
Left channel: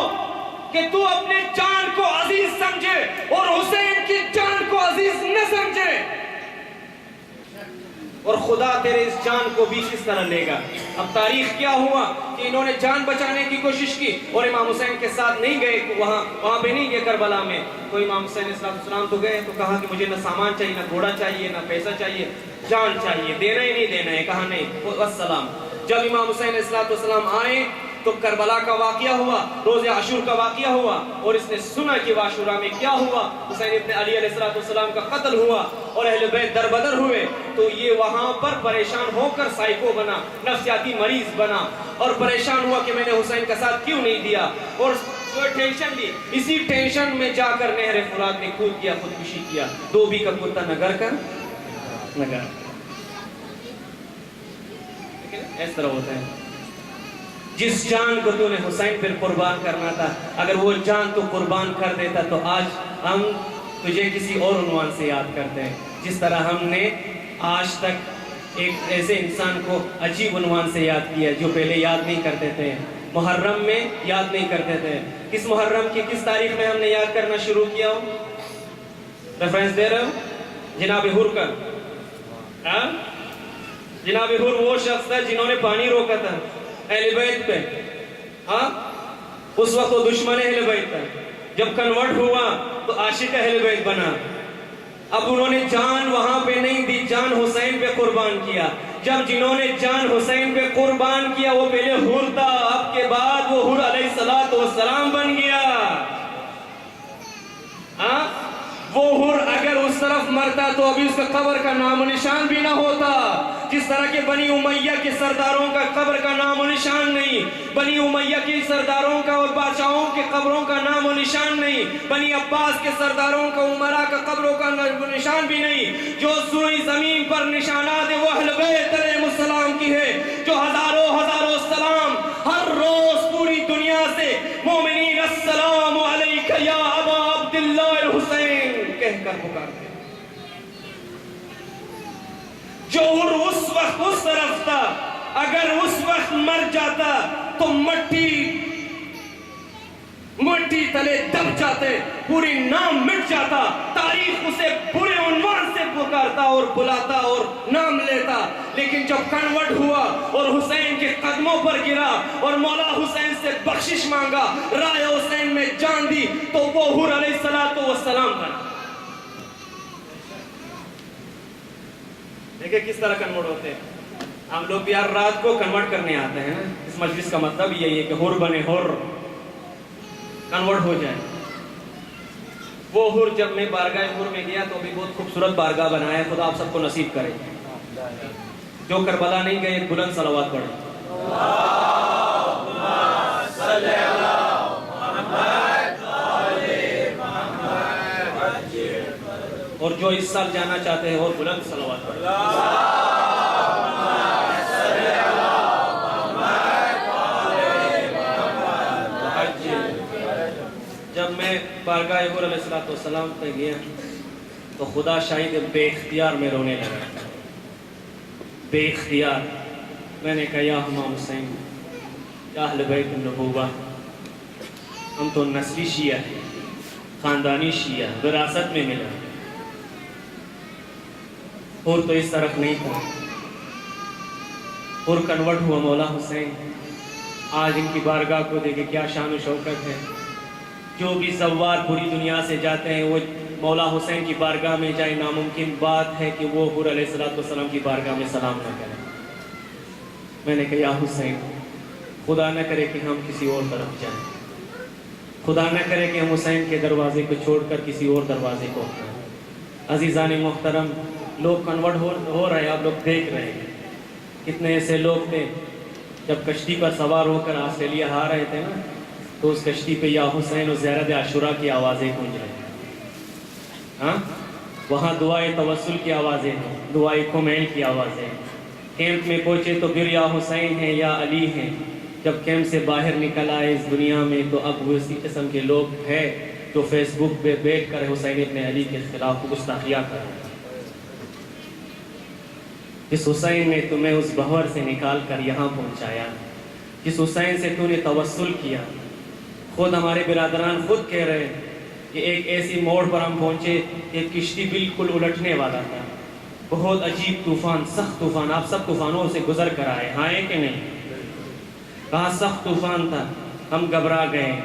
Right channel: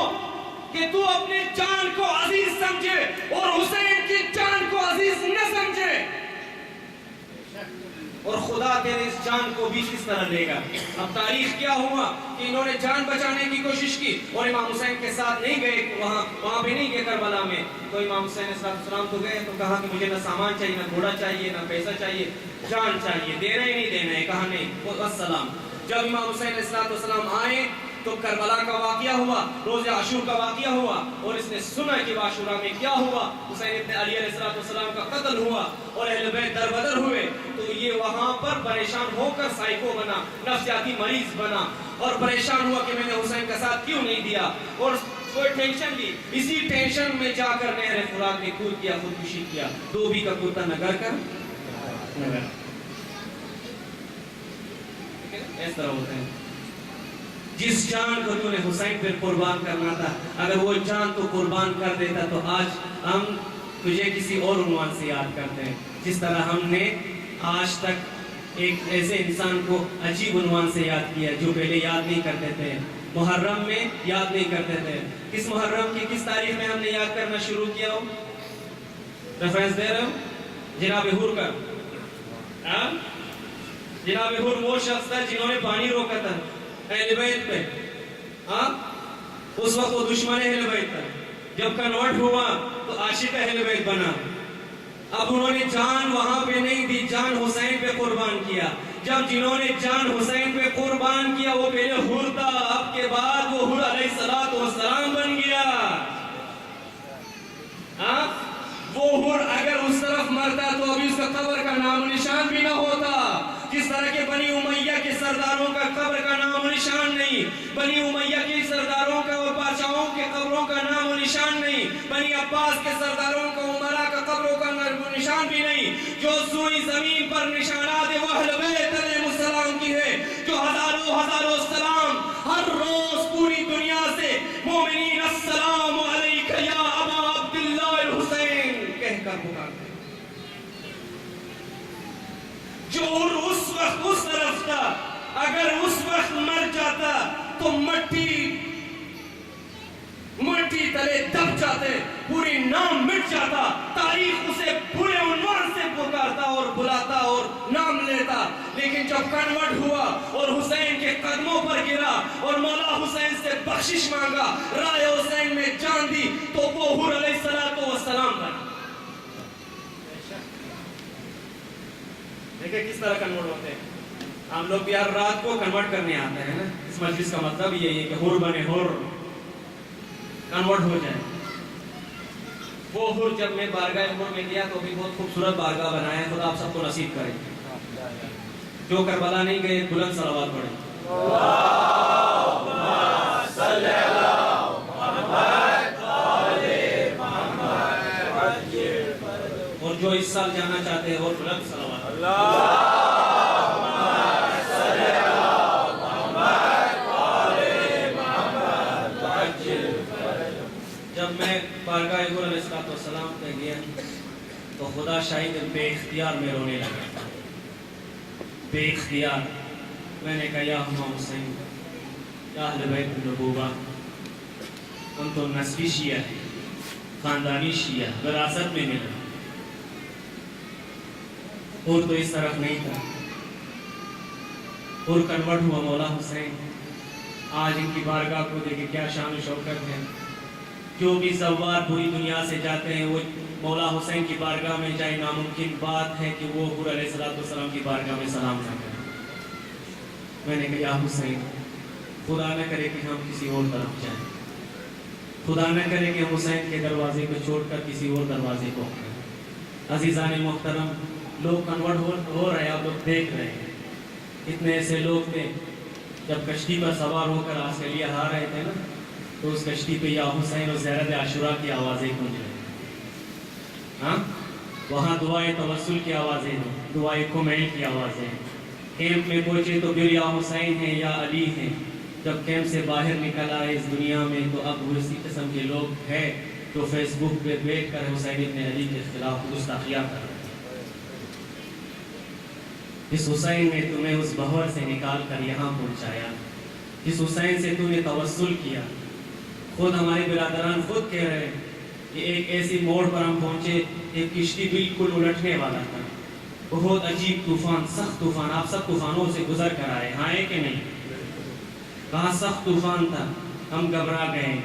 کہ تو اپنے جان کو عزیز سمجھے اور حسین کی جان کو عزیز نہ سمجھے، اور خدا تیرے اس جان کو بھی کس طرح لے گا. اب تاریخ کیا ہوا کہ انہوں نے جان بچانے کی کوشش کی اور امام حسین کے ساتھ نہیں گئے، وہاں پہ نہیں گئے کربلا میں. تو امام حسین علیہ السلام تو گئے، تو کہا کہ مجھے نہ سامان چاہیے، نہ گھوڑا چاہیے، نہ پیسہ چاہیے، جان چاہیے. دینا ہی نہیں دینا ہے. کہا نہیں، والسلام. جب امام حسین علیہ السلام آئے تو کربلا کا واقعہ ہوا، روز عاشور کا واقعہ ہوا، اور اس نے سنا کہ عاشورہ میں کیا ہوا. حسین ابن علی علیہ السلام کا قتل ہوا اور اہل بیت دربدر ہوئے. تو یہ وہاں پر پریشان ہو کر سائیکو بنا، نفسیاتی مریض بنا، اور پریشان ہوا کہ میں نے حسین کا ساتھ کیوں نہیں دیا، اور کوئی ٹینشن لی. اسی ٹینشن میں جا کر نہر فرات میں کود کیا، خودکشی کیا. دو بھی کا کتا نگر کر نگر. اس طرح ہوتا ہے. جس جان کو تو نے حسین پر قربان کرنا تھا، اگر وہ جان تو قربان کر دیتا تو آج ہم تجھے کسی اور عنوان سے یاد کرتے ہیں. جس طرح ہم نے آج تک ایک ایسے انسان کو عجیب عنوان سے یاد کیا جو پہلے یاد نہیں کرتے تھے. محرم میں یاد نہیں کرتے تھے. کس محرم کی کس تاریخ میں ہم نے یاد کرنا شروع کیا ہو؟ ریفرنس دے رہے ہو؟ جناب حر کا. جناب حر وہ شخص تھا جنہوں نے پانی روکا تھا اہل بیت پہ. ہاں اس وقت وہ دشمن اہل بیت تھا. جب کنورٹ ہوا تو عاشق اہل بیت بنا. اب انہوں نے جان وہاں پہ نہیں دی، جان حسین پہ قربان کیا. جب جنہوں نے جان حسین پہ قربان کیا وہ پہلے حر تھا، اب کے بعد وہ حر علیہ السلام بن گیا۔ وہ حر اگر اس طرف مرتا تو ابھی اس کا قبر کا نام و نشان بھی نہ ہوتا، جس طرح کے بنی امیہ کے سرداروں کا قبر کا نام و نشان نہیں، بنی امیہ کے سرداروں کا اور بادشاہوں کے قبروں کا نام و نشان نہیں، بنی عباس کے سرداروں کا عمرہ کا قبروں کا نشان بھی نہیں۔ جو سوئی زمین پر نشانات وہ اہل بیت علیہ السلام کی ہے، جو ہزاروں سلام ہر روز پوری دنیا سے مومنین السلام علیک یا ابا عبداللہ الحسین کہہ کر پکارتے ہیں۔ جو اس وقت اس طرف تھا اگر اس وقت مر جاتا تو مٹی تلے دب جاتے، پوری نام مٹ جاتا، تاریخ اسے پورے عنوان سے پکارتا اور بلاتا اور نام لیتا۔ لیکن جب کنورٹ ہوا اور حسین کے قدموں پر گرا اور مولا حسین سے بخشش مانگا، رائے حسین میں جان دی، تو وہ حر علیہ السلام تھا۔ دیکھیں کس طرح کنورٹ ہوتے ہیں۔ ہم لوگ بھی یار رات کو کنورٹ کرنے آتے ہیں، اس مجلس کا مطلب یہی ہے کہ حر بنے، حر کنورٹ ہو جائے۔ وہ حر جب میں بارگاہ حر میں گیا تو بھی بہت خوبصورت بارگاہ بنایا، خدا آپ سب کو نصیب کرے۔ جو کربلا نہیں گئے بلند صلوات پڑھیں۔ اور جو اس سال جانا چاہتے ہیں اور بلند صلوات۔ جب میں بارگاہ حر علیہ السلام پہ گیا تو خدا شاہد بے اختیار میں رونے لگا، بے اختیار۔ میں نے کہا یا امام حسین، یا اہل بیت النبوہ، ہم تو نسلی شیعہ ہیں، خاندانی شیعہ، وراثت میں ملا، اور تو اس طرف نہیں تھا۔ اور کنورٹ ہوا مولا حسین۔ آج ان کی بارگاہ کو دیکھیں کیا شان و شوکت ہے۔ جو بھی زوار پوری دنیا سے جاتے ہیں وہ مولا حسین کی بارگاہ میں جائیں، ناممکن بات ہے کہ وہ حر علیہ السلام کی بارگاہ میں سلام نہ کریں۔ میں نے کہا یا حسین، خدا نہ کرے کہ ہم کسی اور طرف جائیں، خدا نہ کرے کہ ہم حسین کے دروازے کو چھوڑ کر کسی اور دروازے کو اپنائیں۔ عزیزان محترم، لوگ کنورٹ ہو رہے ہیں، آپ لوگ دیکھ رہے ہیں۔ کتنے ایسے لوگ تھے جب کشتی پر سوار ہو کر آسٹریلیا آ رہے تھے نا، تو اس کشتی پہ یا حسین و زیرت عاشورہ کی آوازیں گونج رہی ہیں۔ وہاں دعائے توسل کی آوازیں ہیں، دعائے کمیل کی آوازیں ہیں۔ کیمپ میں پہنچے تو پھر یا حسین ہیں یا علی ہیں۔ جب کیمپ سے باہر نکل آئے اس دنیا میں تو اب وہ اسی قسم کے لوگ ہیں جو فیس بک پہ بیٹھ کر حسین ابن علی کے خلاف گستاخیاں کر رہے ہیں۔ اس حسین نے تمہیں اس بہر سے نکال کر یہاں پہنچایا، اس حسین سے تو نے توسل کیا۔ خود ہمارے برادران خود کہہ رہے ہیں کہ ایک ایسی موڑ پر ہم پہنچے، ایک کشتی بالکل الٹنے والا تھا، بہت عجیب طوفان، سخت طوفان۔ آپ سب طوفانوں سے گزر کر آئے، ہاں کہ نہیں؟ کہاں سخت طوفان تھا، ہم گھبرا گئے۔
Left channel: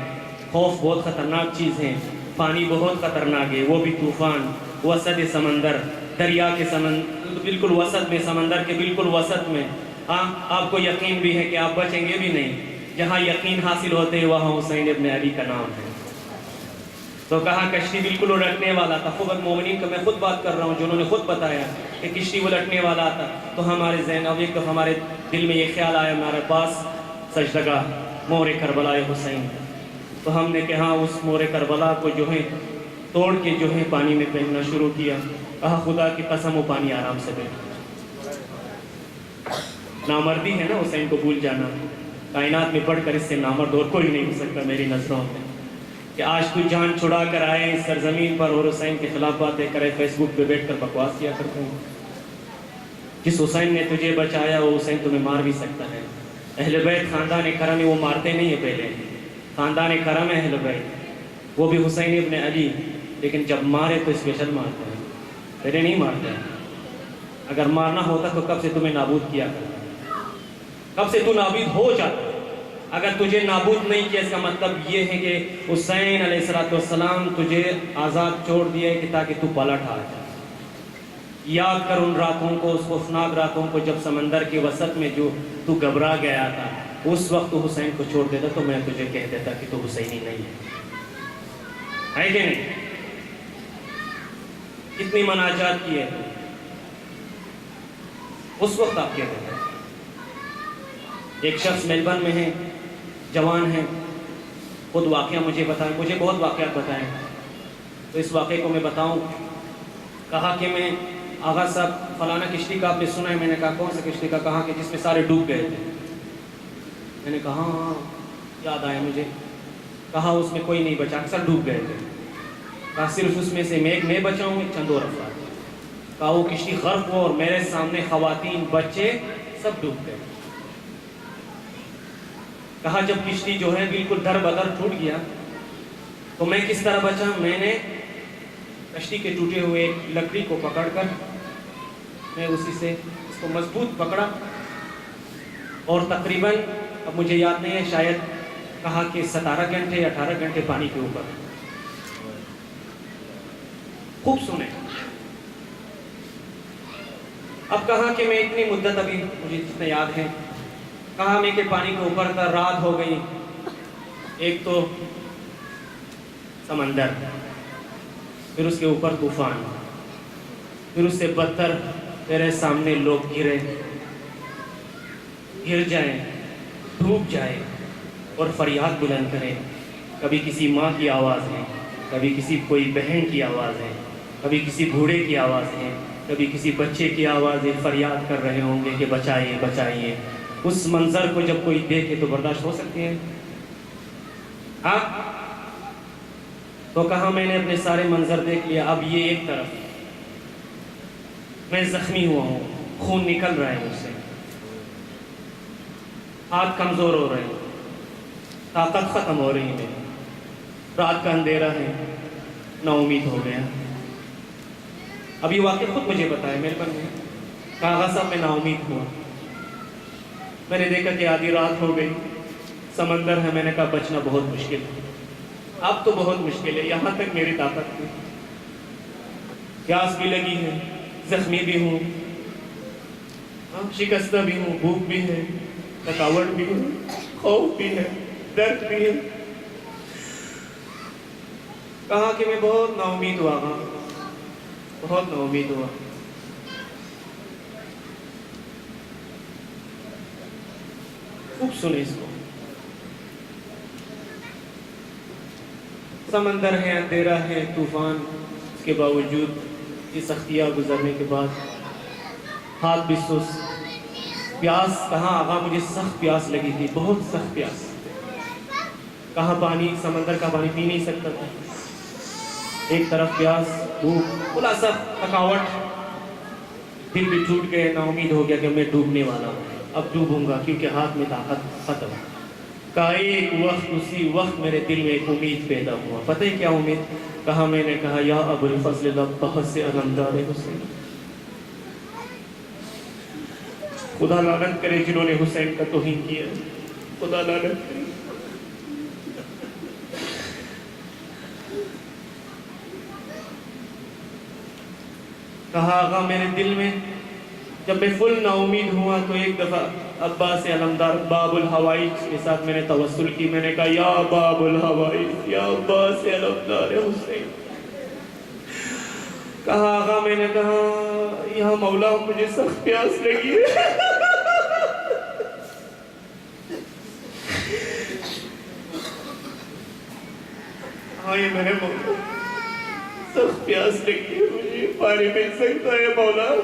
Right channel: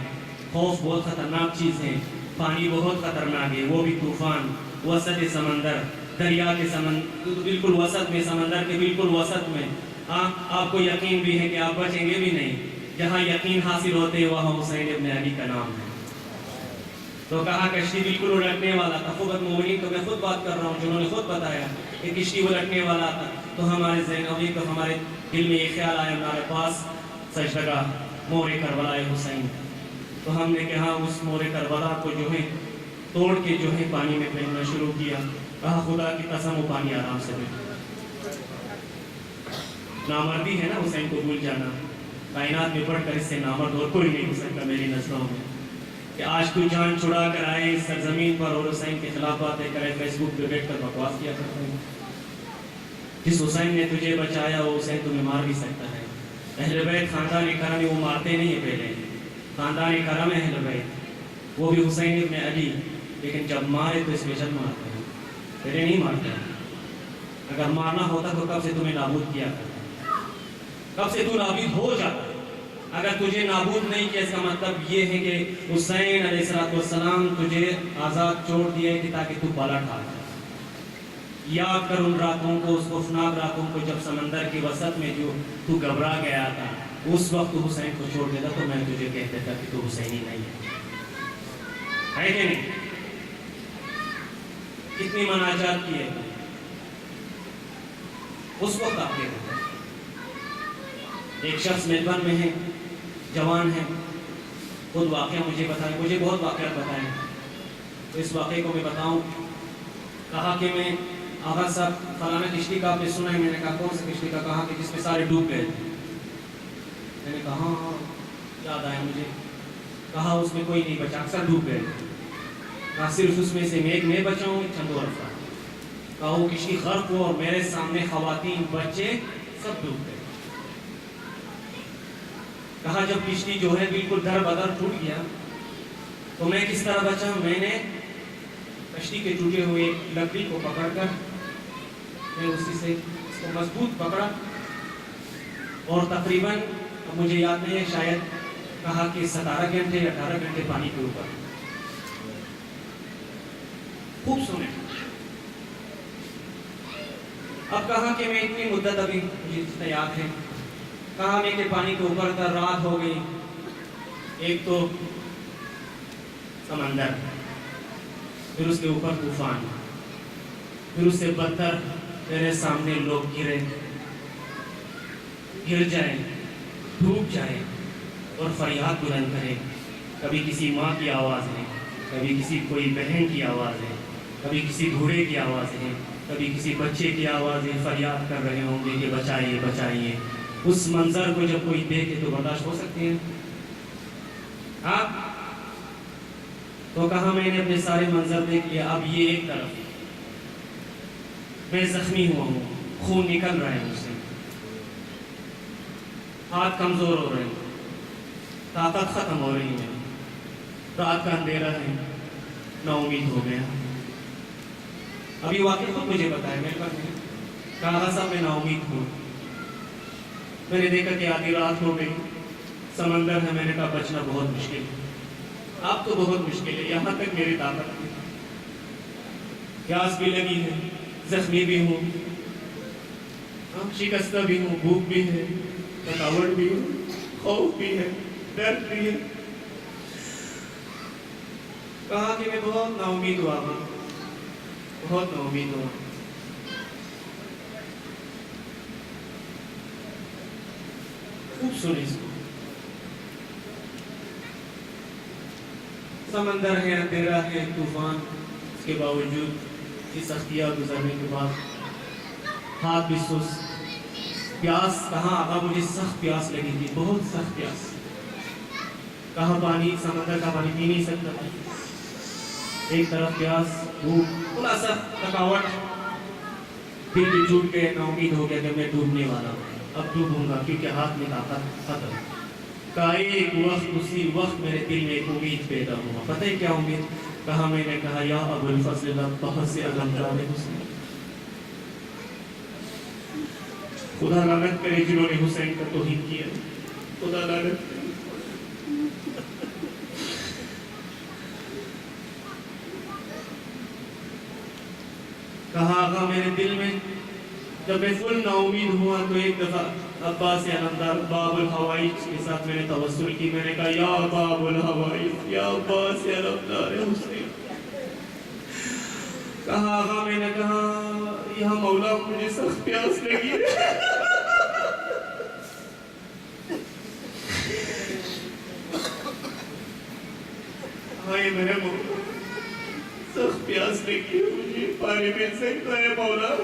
خوف بہت خطرناک چیز ہے، پانی بہت خطرناک ہے، وہ بھی طوفان، وسط سمندر، دریا کے سمندر، بالکل وسط میں، سمندر کے بالکل وسط میں۔ ہاں آپ کو یقین بھی ہے کہ آپ بچیں گے بھی نہیں۔ جہاں یقین حاصل ہوتے ہیں وہاں حسین ابن علی کا نام ہے۔ تو کہاں کشتی بالکل الٹنے والا تھا۔ خود مومنین کا میں خود بات کر رہا ہوں جنہوں نے خود بتایا کہ کشتی الٹنے والا تھا، تو ہمارے ذہن اب ایک ہمارے دل میں یہ خیال آیا، ہمارے پاس سجدگاہ مور کربلا حسین، تو ہم نے کہا اس مور کربلا کو جو ہے توڑ کے جو ہے پانی میں پھینکنا شروع کیا۔ کہا خدا کی قسم وہ پانی آرام سے بیٹھا۔ نامردی ہے نا حسین کو بھول جانا، کائنات میں بڑھ کر اس سے نامرد اور کوئی نہیں ہو سکتا میری نظروں میں، کہ آج تو جان چھڑا کر آئے اس سرزمین پر اور حسین کے خلاف باتیں کرے، فیس بک پہ بیٹھ کر بکواس کیا کرتے ہیں۔ جس حسین نے تجھے بچایا وہ حسین تمہیں مار بھی سکتا ہے۔ اہل بیت خاندان کرم ہے، وہ مارتے نہیں ہیں، پہلے خاندان کرم ہے اہل بیت، وہ بھی حسین ابن علی، لیکن جب مارے تو اسپیشل مارتے ہیں، پہلے نہیں مارتے۔ اگر مارنا ہوتا تو کب سے تمہیں نابود کیا، کب سے تو نابود ہو جاتا۔ اگر تجھے نابود نہیں کیا اس کا مطلب یہ ہے کہ حسین علیہ السلام تجھے آزاد چھوڑ دیا ہے کہ تاکہ تو پلٹ آ جائے۔ یاد کر ان راتوں کو، اس خوفناک راتوں کو جب سمندر کے وسط میں جو تو گھبرا گیا تھا، اس وقت تو حسین کو چھوڑ دیتا تو میں تجھے کہہ دیتا کہ تو حسینی نہیں ہے کہ نہیں؟ کتنی مناجات کی ہے اس وقت آپ کہہ دیتا. ایک شخص میلبرن میں ہے، جوان ہے، خود واقعہ مجھے بتائیں، مجھے بہت واقعات بتائیں، تو اس واقعے کو میں بتاؤں. کہا کہ میں آغا صاحب فلانا کشتی کا آپ نے سنا ہے؟ میں نے کہا کون سا کشتی کا؟ کہا کہ جس میں سارے ڈوب گئے تھے. میں نے کہا ہاں یاد آیا مجھے. کہا اس میں کوئی نہیں بچا، اکثر ڈوب گئے تھے. کہا صرف اس میں سے میں بچا ہوں، چند اور افراد. کہا وہ کشتی غرق ہو اور میرے سامنے خواتین بچے سب ڈوب گئے. کہا جب کشتی جو ہے بالکل در بدر ٹوٹ گیا تو میں کس طرح بچا؟ میں نے کشتی کے ٹوٹے ہوئے لکڑی کو پکڑ کر میں اسی سے اس کو مضبوط پکڑا اور تقریباً، اب مجھے یاد نہیں ہے، شاید کہا کہ 17 گھنٹے یا 18 گھنٹے پانی کے اوپر. خوب سنیں. اب کہا کہ میں اتنی مدت، ابھی مجھے جتنا یاد ہے، کہا میں کہ پانی کے اوپر تھا، رات ہو گئی. ایک تو سمندر، پھر اس کے اوپر طوفان، پھر اس سے بدتر میرے سامنے لوگ گر جائیں، ڈوب جائیں اور فریاد بلند کریں. کبھی کسی ماں کی آواز ہے، کبھی کسی کوئی بہن کی آواز ہے، کبھی کسی بوڑھے کی آواز ہے، کبھی کسی بچے کی آواز ہے، فریاد کر رہے ہوں گے کہ بچائیے بچائیے. اس منظر کو جب کوئی دیکھے تو برداشت ہو سکتی ہے؟ ہاں. تو کہا میں نے اپنے سارے منظر دیکھ لیا. اب یہ ایک طرف میں زخمی ہوا ہوں، خون نکل رہا ہے مجھ سے، ہاتھ کمزور ہو رہے ہیں، طاقت ختم ہو رہی ہے، رات کا اندھیرا ہے، نا امید ہو گیا. اب یہ واقعہ خود مجھے بتایا میرے پاس. کہا صاحب میں نا امید ہوں. میں نے دیکھا کہ آدھی رات ہو گئی، سمندر ہے. میں نے کہا بچنا بہت مشکل ہے، اب تو بہت مشکل ہے، یہاں تک میری طاقت تھی. پیاس بھی لگی ہے، زخمی بھی ہوں، شکستہ بھی ہوں، بھوک بھی ہے، تھکاوٹ بھی ہے، خوف بھی ہے، درد بھی ہے. کہا کہ میں بہت نا امید ہوا، بہت نا امید ہوا. خوب سنیں اس کو. سمندر ہے، اندھیرا ہے، طوفان، اس کے باوجود یہ سختیاں گزرنے کے بعد ہاتھ بھی سست. پیاس، کہاں آقا مجھے سخت پیاس لگی تھی، بہت سخت پیاس. کہاں پانی، سمندر کا پانی پی نہیں سکتا تھا. ایک طرف پیاس، بھوک، خلاصہ تھکاوٹ. دل بھی ٹوٹ گئے، نا امید ہو گیا کہ میں ڈوبنے والا ہوں، اب ڈوبوں گا کیونکہ ہاتھ میں طاقت ختم. کہا ایک وقت، اسی وقت میرے دل میں ایک امید پیدا ہوا. پتہ ہے کیا امید؟ کہا میں نے کہا یا ابو الفضل بہت سے علمدار حسین، خدا لعنت کرے جنہوں نے حسین کا توہین کیا، خدا لعنت کرے. کہا آقا میرے دل میں جب میں فل نا امید ہوا تو ایک دفعہ عباس علمدار باب الحوائج کے ساتھ میں نے توسل کی. میں نے کہا یا باب الحوائج، یا عباس علمدار حسین. کہا آقا میں نے کہا یا مولا مجھے سخت پیاس لگی ہے. ہائے میرے مولا، سخت پیاس لگی ہے، مجھے پانی مل سکتا ہے مولا؟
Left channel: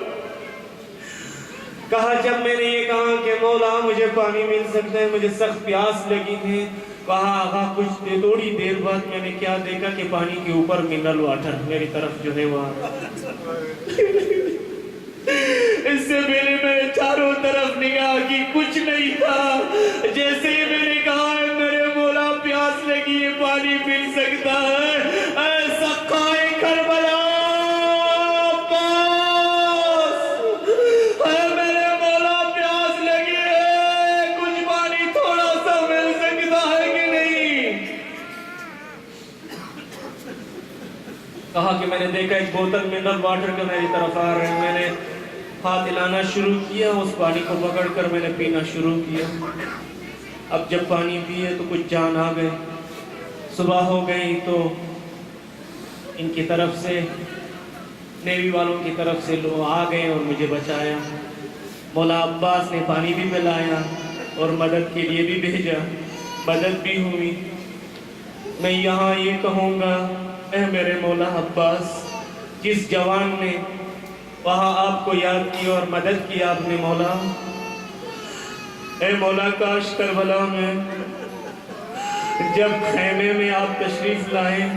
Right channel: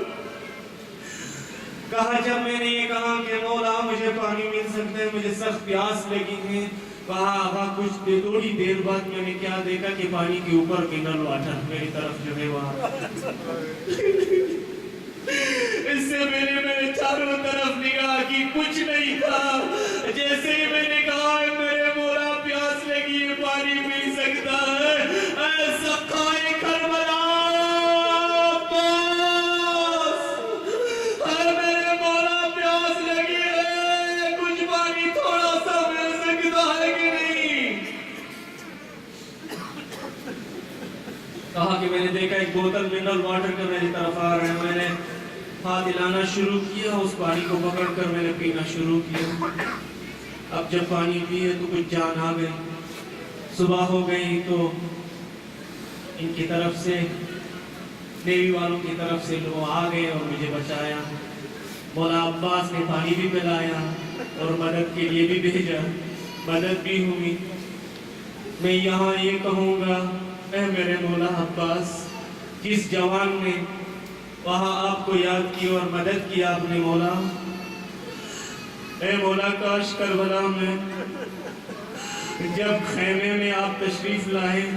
کہا جب میں نے یہ کہا کہ مولا مجھے پانی مل سکتا ہے، مجھے سخت پیاس لگی تھی، کہا آقا کچھ تھوڑی دیر بعد میں نے کیا دیکھا کہ پانی کے اوپر منرل واٹر میری طرف جو ہے وہاں. اس سے میں نے چاروں طرف نگاہ کی، کچھ نہیں تھا. جیسے ہی میں نے کہا میرے مولا پیاس لگی ہے، پانی مل سکتا ہے، کہا کہ میں نے دیکھا ایک بوتل منرل واٹر کا میری طرف آ رہا ہے. میں نے ہاتھ ہلانا شروع کیا, اس پانی کو پکڑ کر میں نے پینا شروع کیا. اب جب پانی پیے تو کچھ جان آ گئی. صبح ہو گئی تو ان کی طرف سے, نیوی والوں کی طرف سے لوگ آ گئے اور مجھے بچایا. مولا عباس نے پانی بھی پلایا اور مدد کے لیے بھی بھیجا, مدد بھی ہوئی. میں یہاں یہ کہوں گا, اے میرے مولا عباس, جس جوان نے وہاں آپ کو یاد کیا اور مدد کی آپ نے مولا, اے مولا کاش کربلا میں جب خیمے میں آپ تشریف لائیں,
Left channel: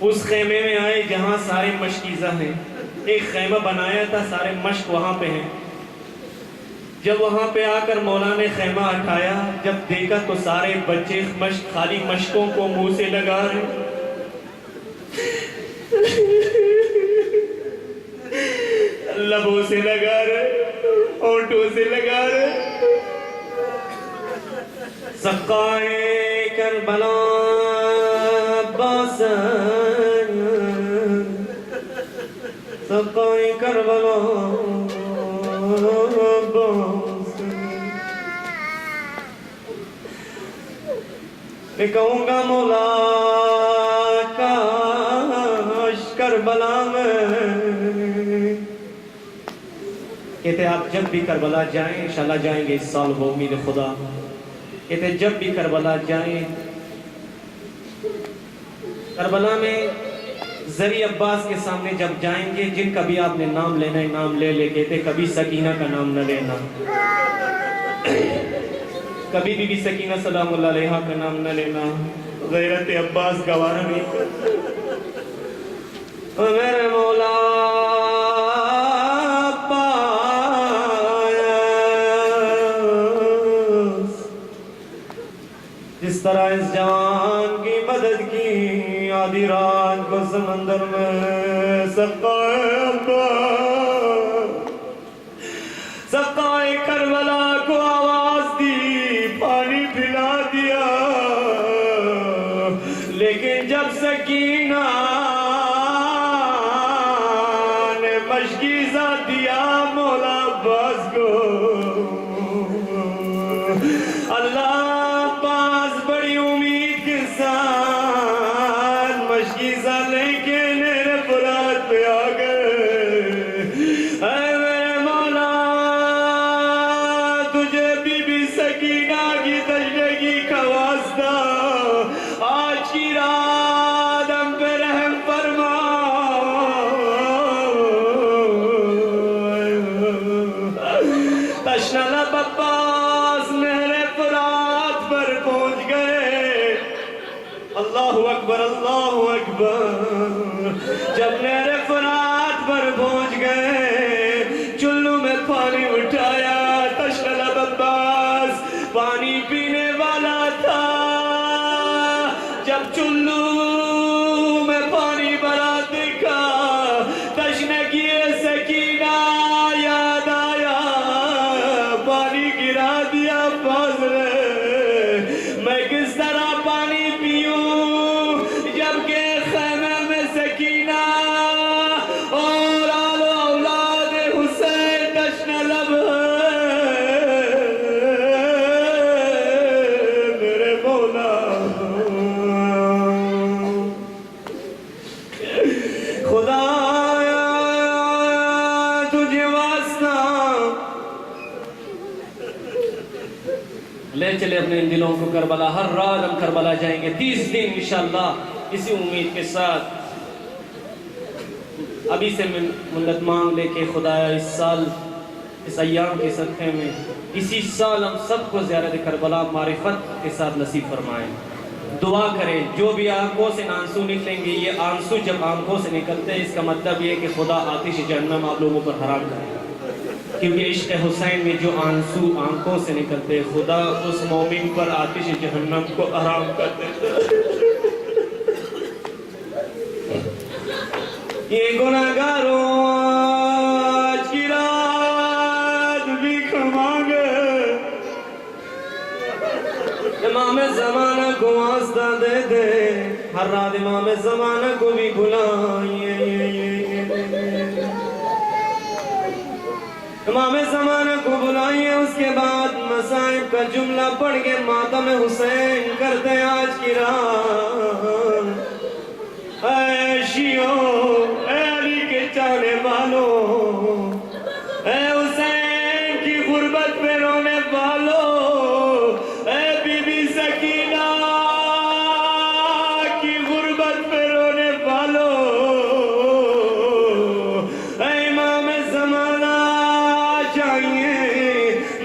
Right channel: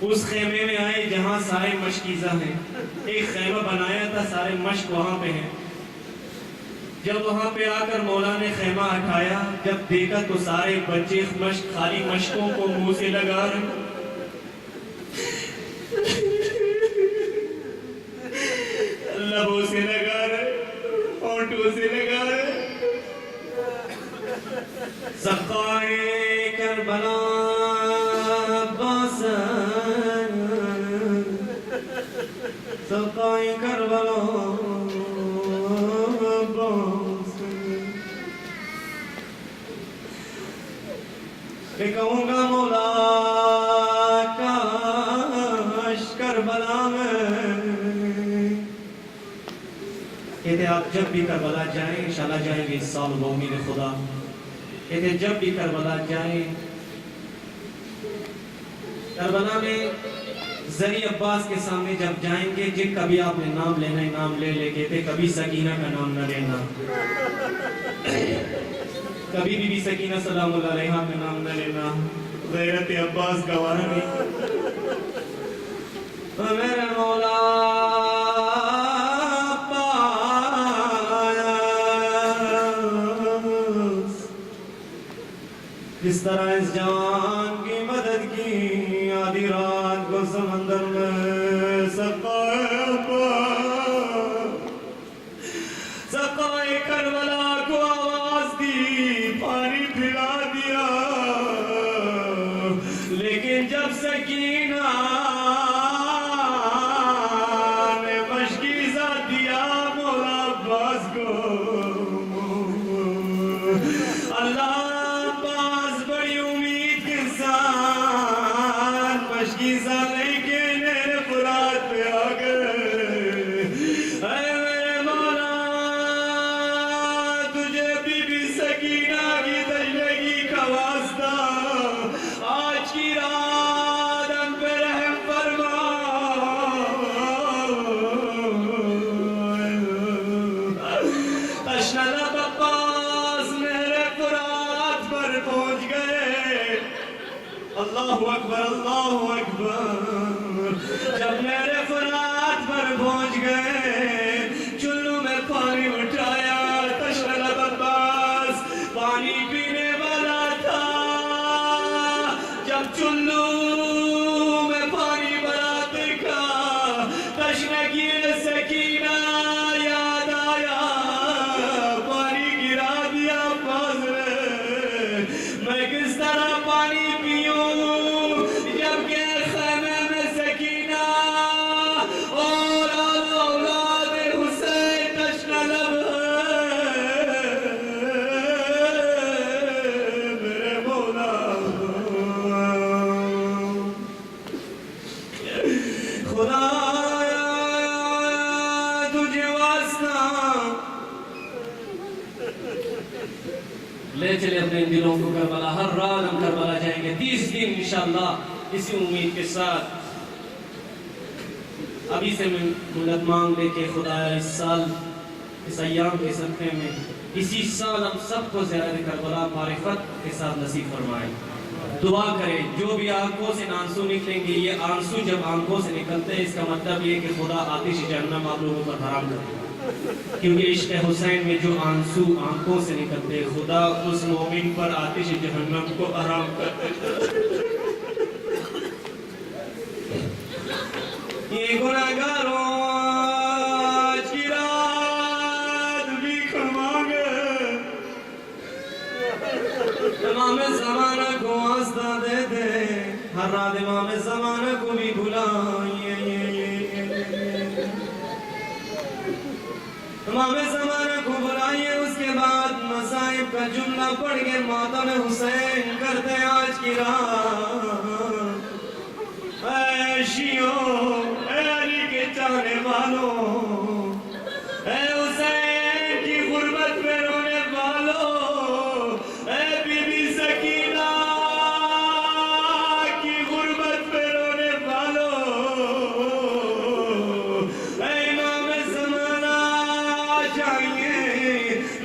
اس خیمے میں آئے جہاں سارے مشکیزہ ہیں. ایک خیمہ بنایا تھا, سارے مشق وہاں پہ ہیں. جب وہاں پہ آ کر مولا نے خیمہ اٹھایا, جب دیکھا تو سارے بچے مشق, خالی مشقوں کو منہ سے لگا رہے, لبوں سے لگا رہے, ہونٹوں سے لگا رہے. سقائے کربلا عباس, سقائے کربلا عباس. میں کہوں گا مولا کاش کربلا میں, کہتے آپ جب بھی کربلا جائیں, انشاءاللہ جائیں گے اس سال بامید خدا, کہتے جب بھی کربلا جائیں, کربلا میں زری عباس کے سامنے جب جائیں گے, جن کا بھی آپ نے نام لینا ہے نام لے لے. کہتے کبھی سکینہ کا نام نہ لینا, کبھی بی بی سکینہ سلام اللہ علیہا کا نام نہ لینا, غیرت عباس گوارا نہیں. میرے مولا جس طرح اس جوان کی مدد کی, آدھی رات کو سمندر میں سقائے کربلا کو آواز دی, پانی پلا دیا. لیکن جب سکینہ نے مشکیزہ دیا مولا عباس کو, اللہ جب میرے فرات پر پہنچ گئے, چلو میں پانی اٹھایا, تشنہ عباس پانی پینے والا تھا. جب چلو میں پانی بھرا دیکھا, تشنگی سکینہ یاد آیا, پانی گرا دیا عباس نے. میں کس طرح پانی پیوں لے چلے اپنے ان دلوں کو کربلا. ہر رات ہم کربلا جائیں گے 30 دن انشاءاللہ, اسی امید کے ساتھ. ابھی سے منت مانگ لے کے خدایا اس سال, اس ایام کے صدقے میں, اسی سال ہم سب کو زیارت کربلا معرفت کے ساتھ نصیب فرمائیں. دعا کریں, جو بھی آنکھوں سے آنسو نکلیں گے, یہ آنسو جب آنکھوں سے نکلتے ہیں, اس کا مطلب یہ کہ خدا آتش جہنم آپ لوگوں پر حرام کرے. کیونکہ عشق حسین میں جو آنسو آنکھوں سے نکلتے, خدا اس مومن پر آتش جہنم کو حرام کرتے. یہ گناہگاروں آج کی رات بھیک مانگے, امام زمانہ کو واسطہ دے دے, ہر رات امام زمانہ کو بھی بھلا جملہ پڑھ کے ماتم حسین کرتے آج کی رات. اے شیعوں، اے علی کے چاہنے والوں، اے حسین کی غربت پہ رونے والوں، اے بی بی سکینہ کی غربت پہ رونے والوں، اے امام زمانہ جائیے،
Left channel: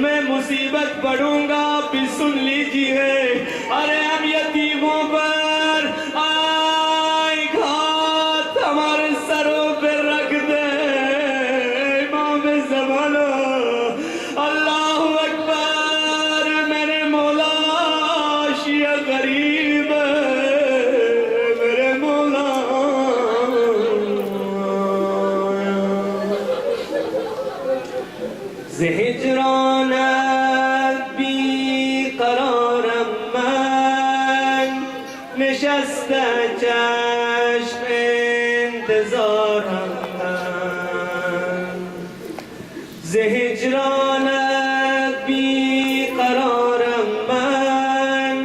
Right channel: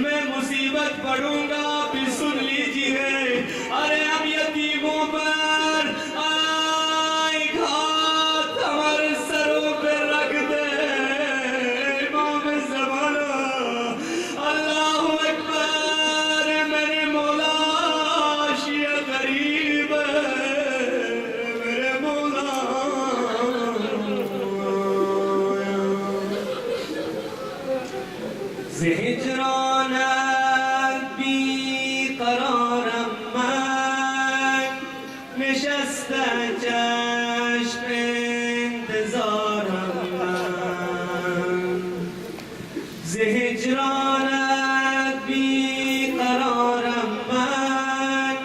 میں مصیبت پڑھوں گا، آپ بھی سن لیجئے. ارے اب یتیموں پر آئی گھات ہمارے سروں پہ رکھ دے. امام زمانہ اللہ اکبر، میرے مولا شیعہ قریب ہے، میرے مولا. ہجرانت بی قرارم من، نشست چشم انتظارم من. ہجرانت بی قرارم من،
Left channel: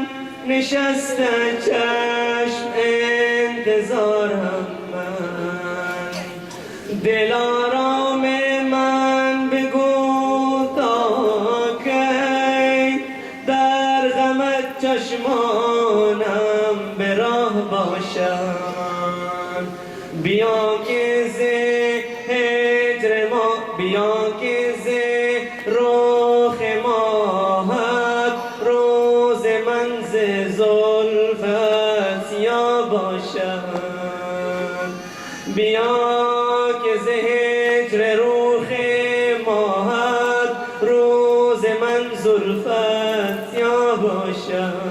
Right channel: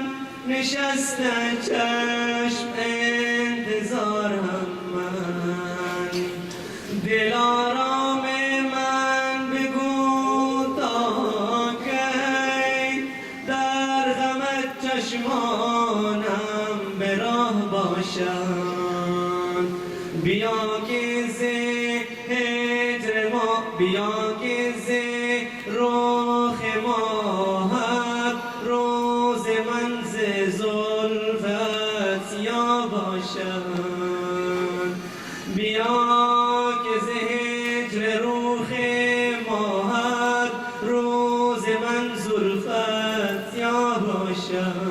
نشست چشم انتظارم من. دلارام من بگو تا کی در غمت چشمانم به راه باشم. بیا که ز هجر ما، بیا که ز رخ ماهت روز من ز زلفت سیاه باشم. بیا که ز هجر رخ ماهت روز من زلفت سیاه باشد.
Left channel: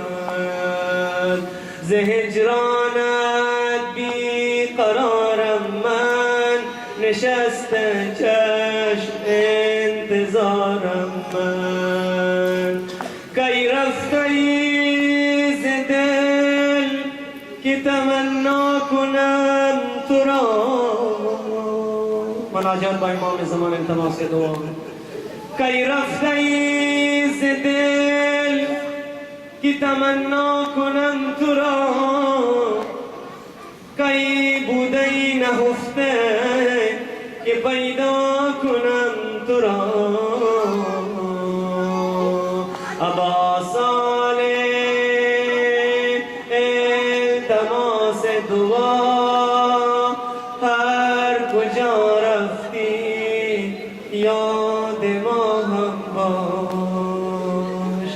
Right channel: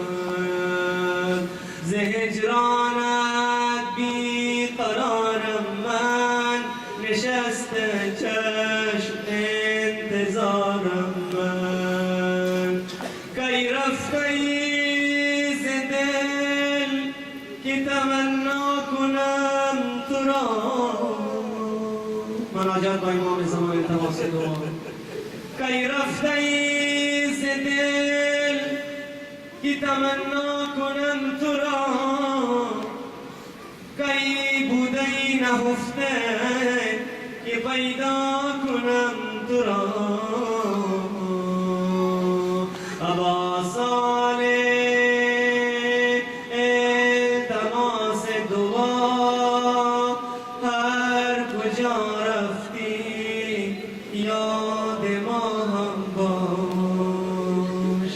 ز هجرانت بی قرارم من، نشست چشم انتظارم من. کی رفتی ز دل که تمنا کنم تو را. مناجات با امام زمان التماس دعا. کی رفتی ز دل که تمنا کنم تو را. کی بودی نهفته که پیدا کنم تو را. ابا صالح التماس دعا، هر کجا رفتی یاد ما هم باش.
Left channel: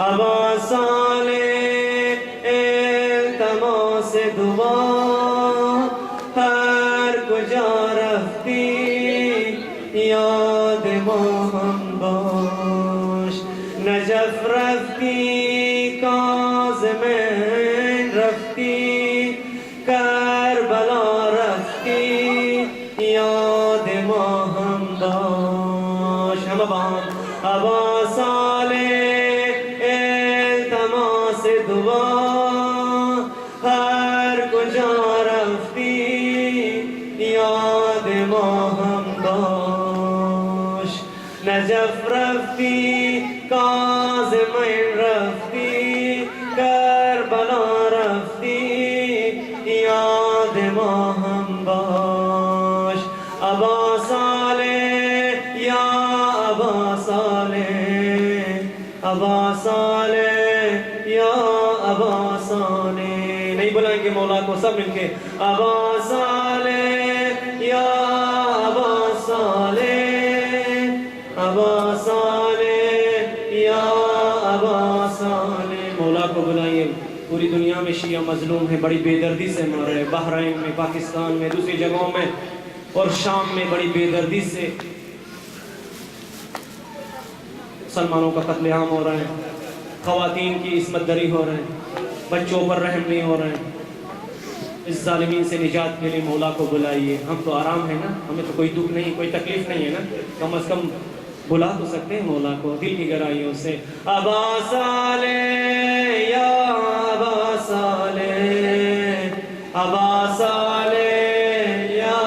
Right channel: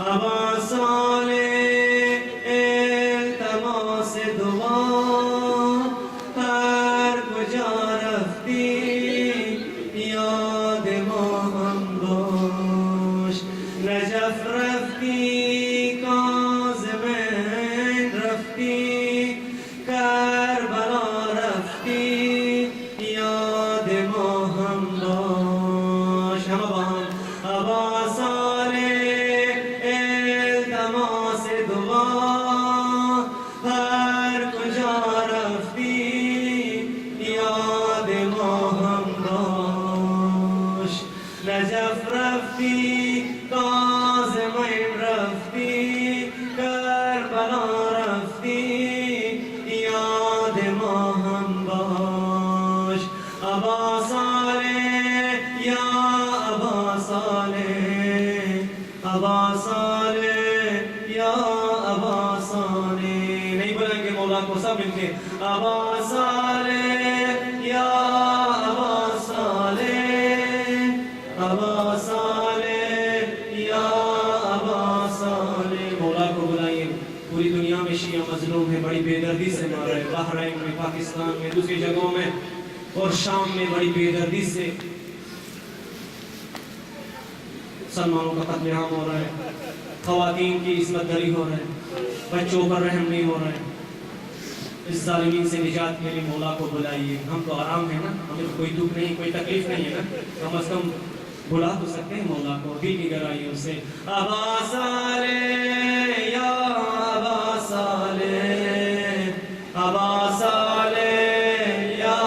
ابا صالح التماس دعا، هر کجا رفتی یاد ما هم باش. نجف رفتی، کاظمین رفتی، کربلا رفتی یاد ما هم باش. همه با هم. ابا صالح التماس دعا، هر کجا رفتی یاد ما هم باش. نجف رفتی، کاظمین رفتی، کربلا رفتی یاد ما هم باش. ابا صالح یا ابا صالح، ابا صالح یا ابا صالح. نہیں بلائیں گے مولا کو سب مل کے. ابا صالح یا ابا صالح، ابا صالح یا ابا صالح. مولا کو بلائیے. پوری دنیا میں شیعہ مظلوم ہے، بڑی بے دردی سے مر رہے. بحرین میں، پاکستان میں، دوسری جگہوں میں اور شام میں بڑی بے دردی سے مسلمانوں کا قتل عام ہو رہا ہے. خواتین کی عصمت دری ہو رہے ہیں، بچوں پر رحم نہیں ہو رہے ہیں. اس ظالمین سے نجات کے لیے مولا کو بلائیے. ہم تو آرام ہیں نا، ہمیں تو کوئی دکھ نہیں، کوئی تکلیف نہیں ہے نا. کم از کم بلا تو سکتے ہیں مولا کو دل کی گہرائیوں سے. ابا صالح یا ابا صالح، ابا صالح یا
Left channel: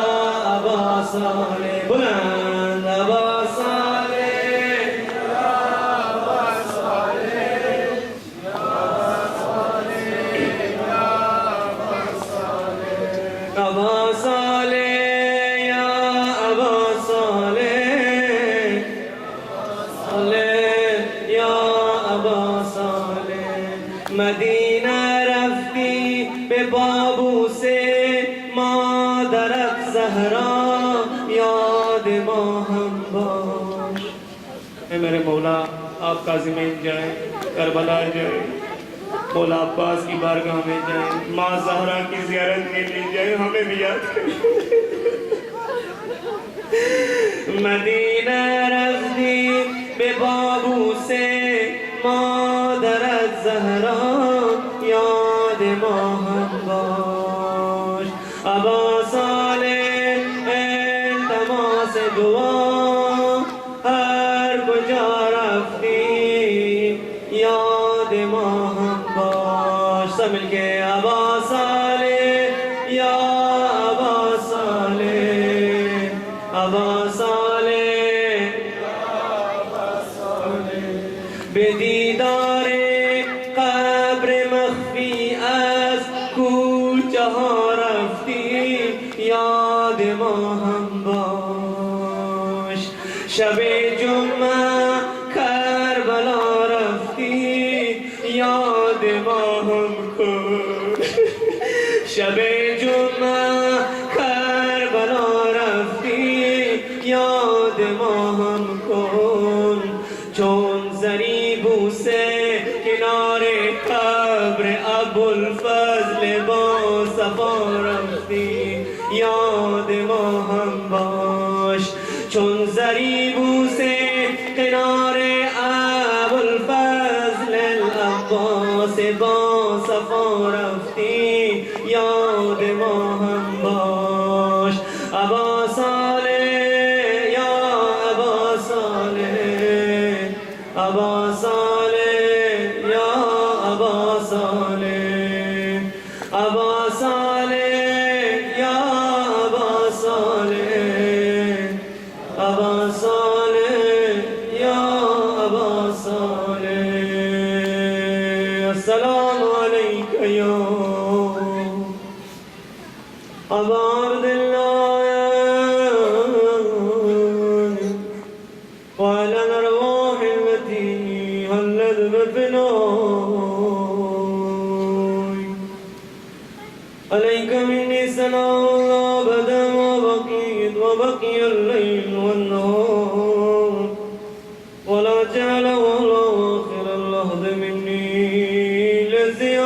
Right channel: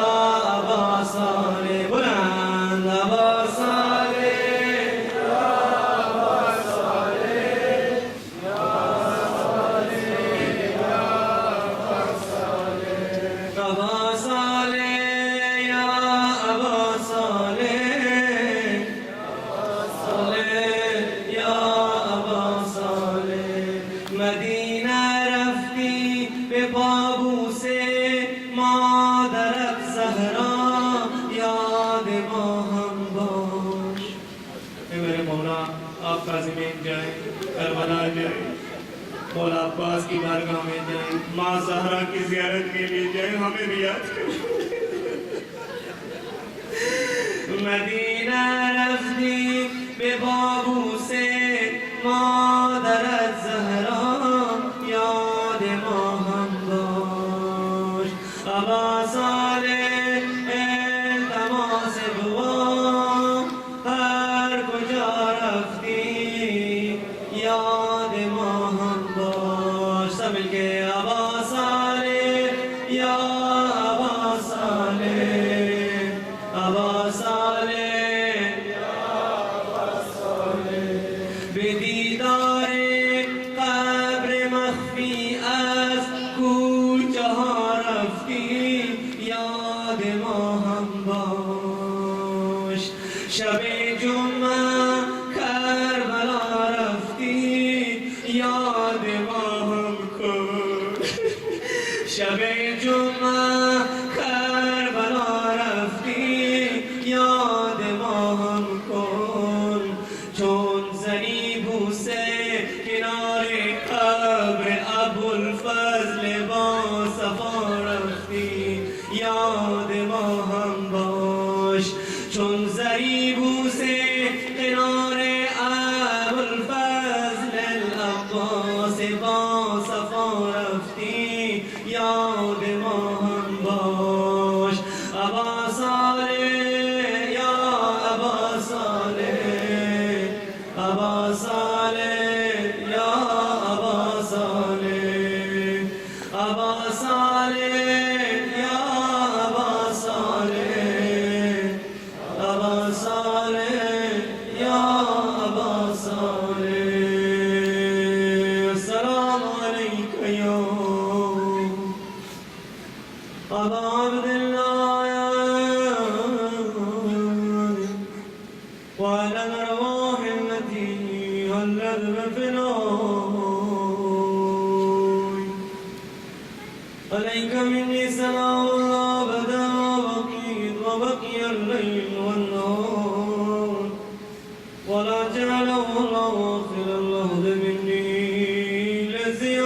ابا صالح. بلند ابا صالح یا ابا صالح. سمیت جائیں، کربلا جائیں، مولا عباس کی بارگاہ میں جائیں، ماں زہرا کی زیارت کے لیے جائیں، ہمیں بھی یاد کریں۔ مدینہ رفتی بے بابو سے مادر زہرا یاد ماہم باش، ابا صالح التماس دعا ہر کجا رفتی یاد ماہم باش، سب مل کے ابا صالح یا ابا صالح، ابا صالح یا ابا صالح، بدیدار قبر مخفی از کوچہا رفتی یاد ماہم باش، شب جمعہ کربلا رفتی یاد ماہم کن، شب جمعہ کربلا رفتی یاد ماہم کن، چون ضریبو سے کنارے قبر ابوالفضل با صفا رفتی یاد ماہم باش، چون ضریبو سے کنارے ابوالفضل العباس با صفا رفتی یاد ماہم باش، ابا صالح یا ابا صالح، ابا صالح یا ابا صالح، ابا صالح یا ابا صالح، ابا صالح یا ابا صالح، السلام علیک یا ابا عبداللہ وعلى الأرواح التي هلت بفناي، عليك مني سلام الله أبدا ما بقيت وبقي الليل والنهار، ولا جعل ولا آخر اللحظ مني لزيارتكم،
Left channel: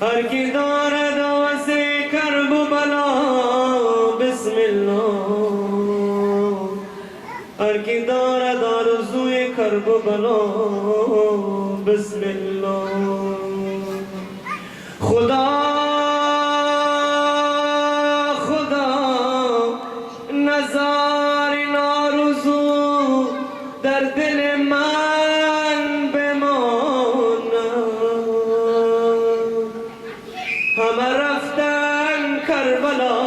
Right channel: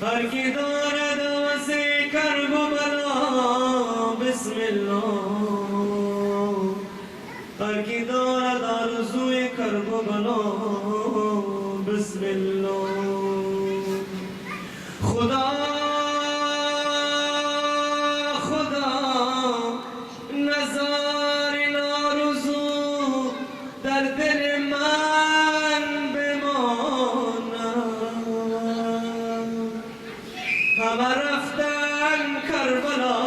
ہر کی دار دو سے کرب بلا بسم اللہ، ہر کی دار دار سوئے کرب بلا بسم اللہ، خدا خدا نظار نارزو در دل من بماند، همه رفتن کربلا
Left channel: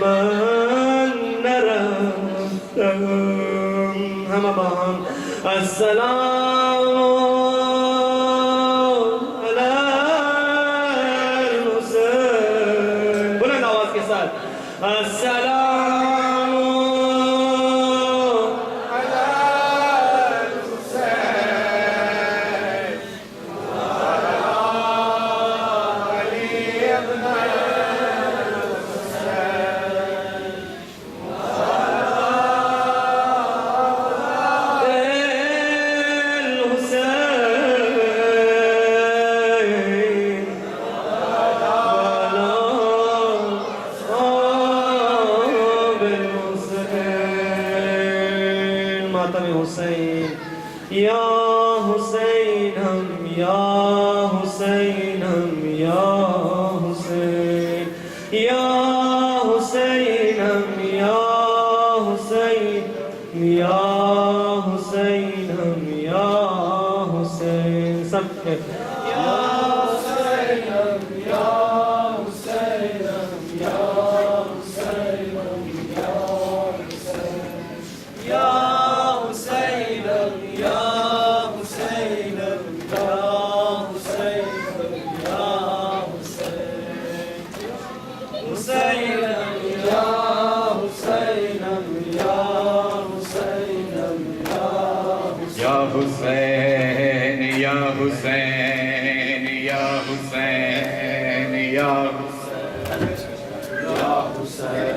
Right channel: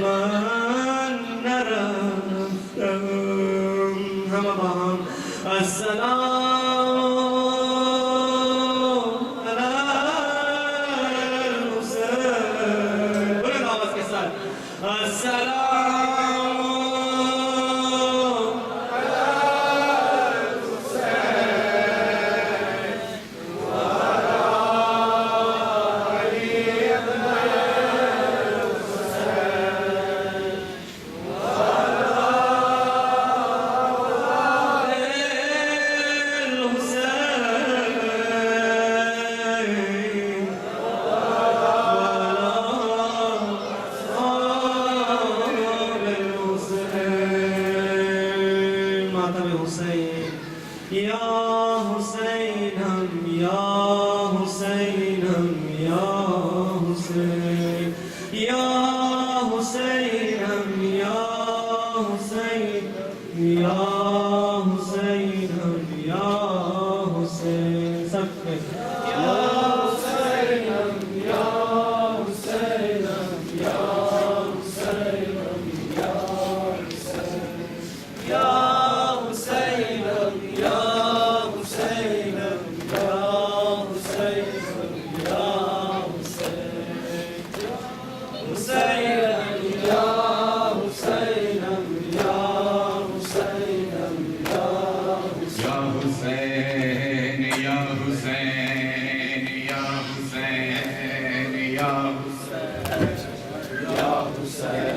من نرفتم، همه با هم السلام علی الحسین، بلند آواز کے ساتھ السلام یا حسین ہم یا حسین ہم یا حسین، یا حسین ہم یا حسین، یا حسین ہم یا حسین، سب کے یا حسین ہم یا حسین ہم یا حسین ہم یا حسین، یا Ya Hussein,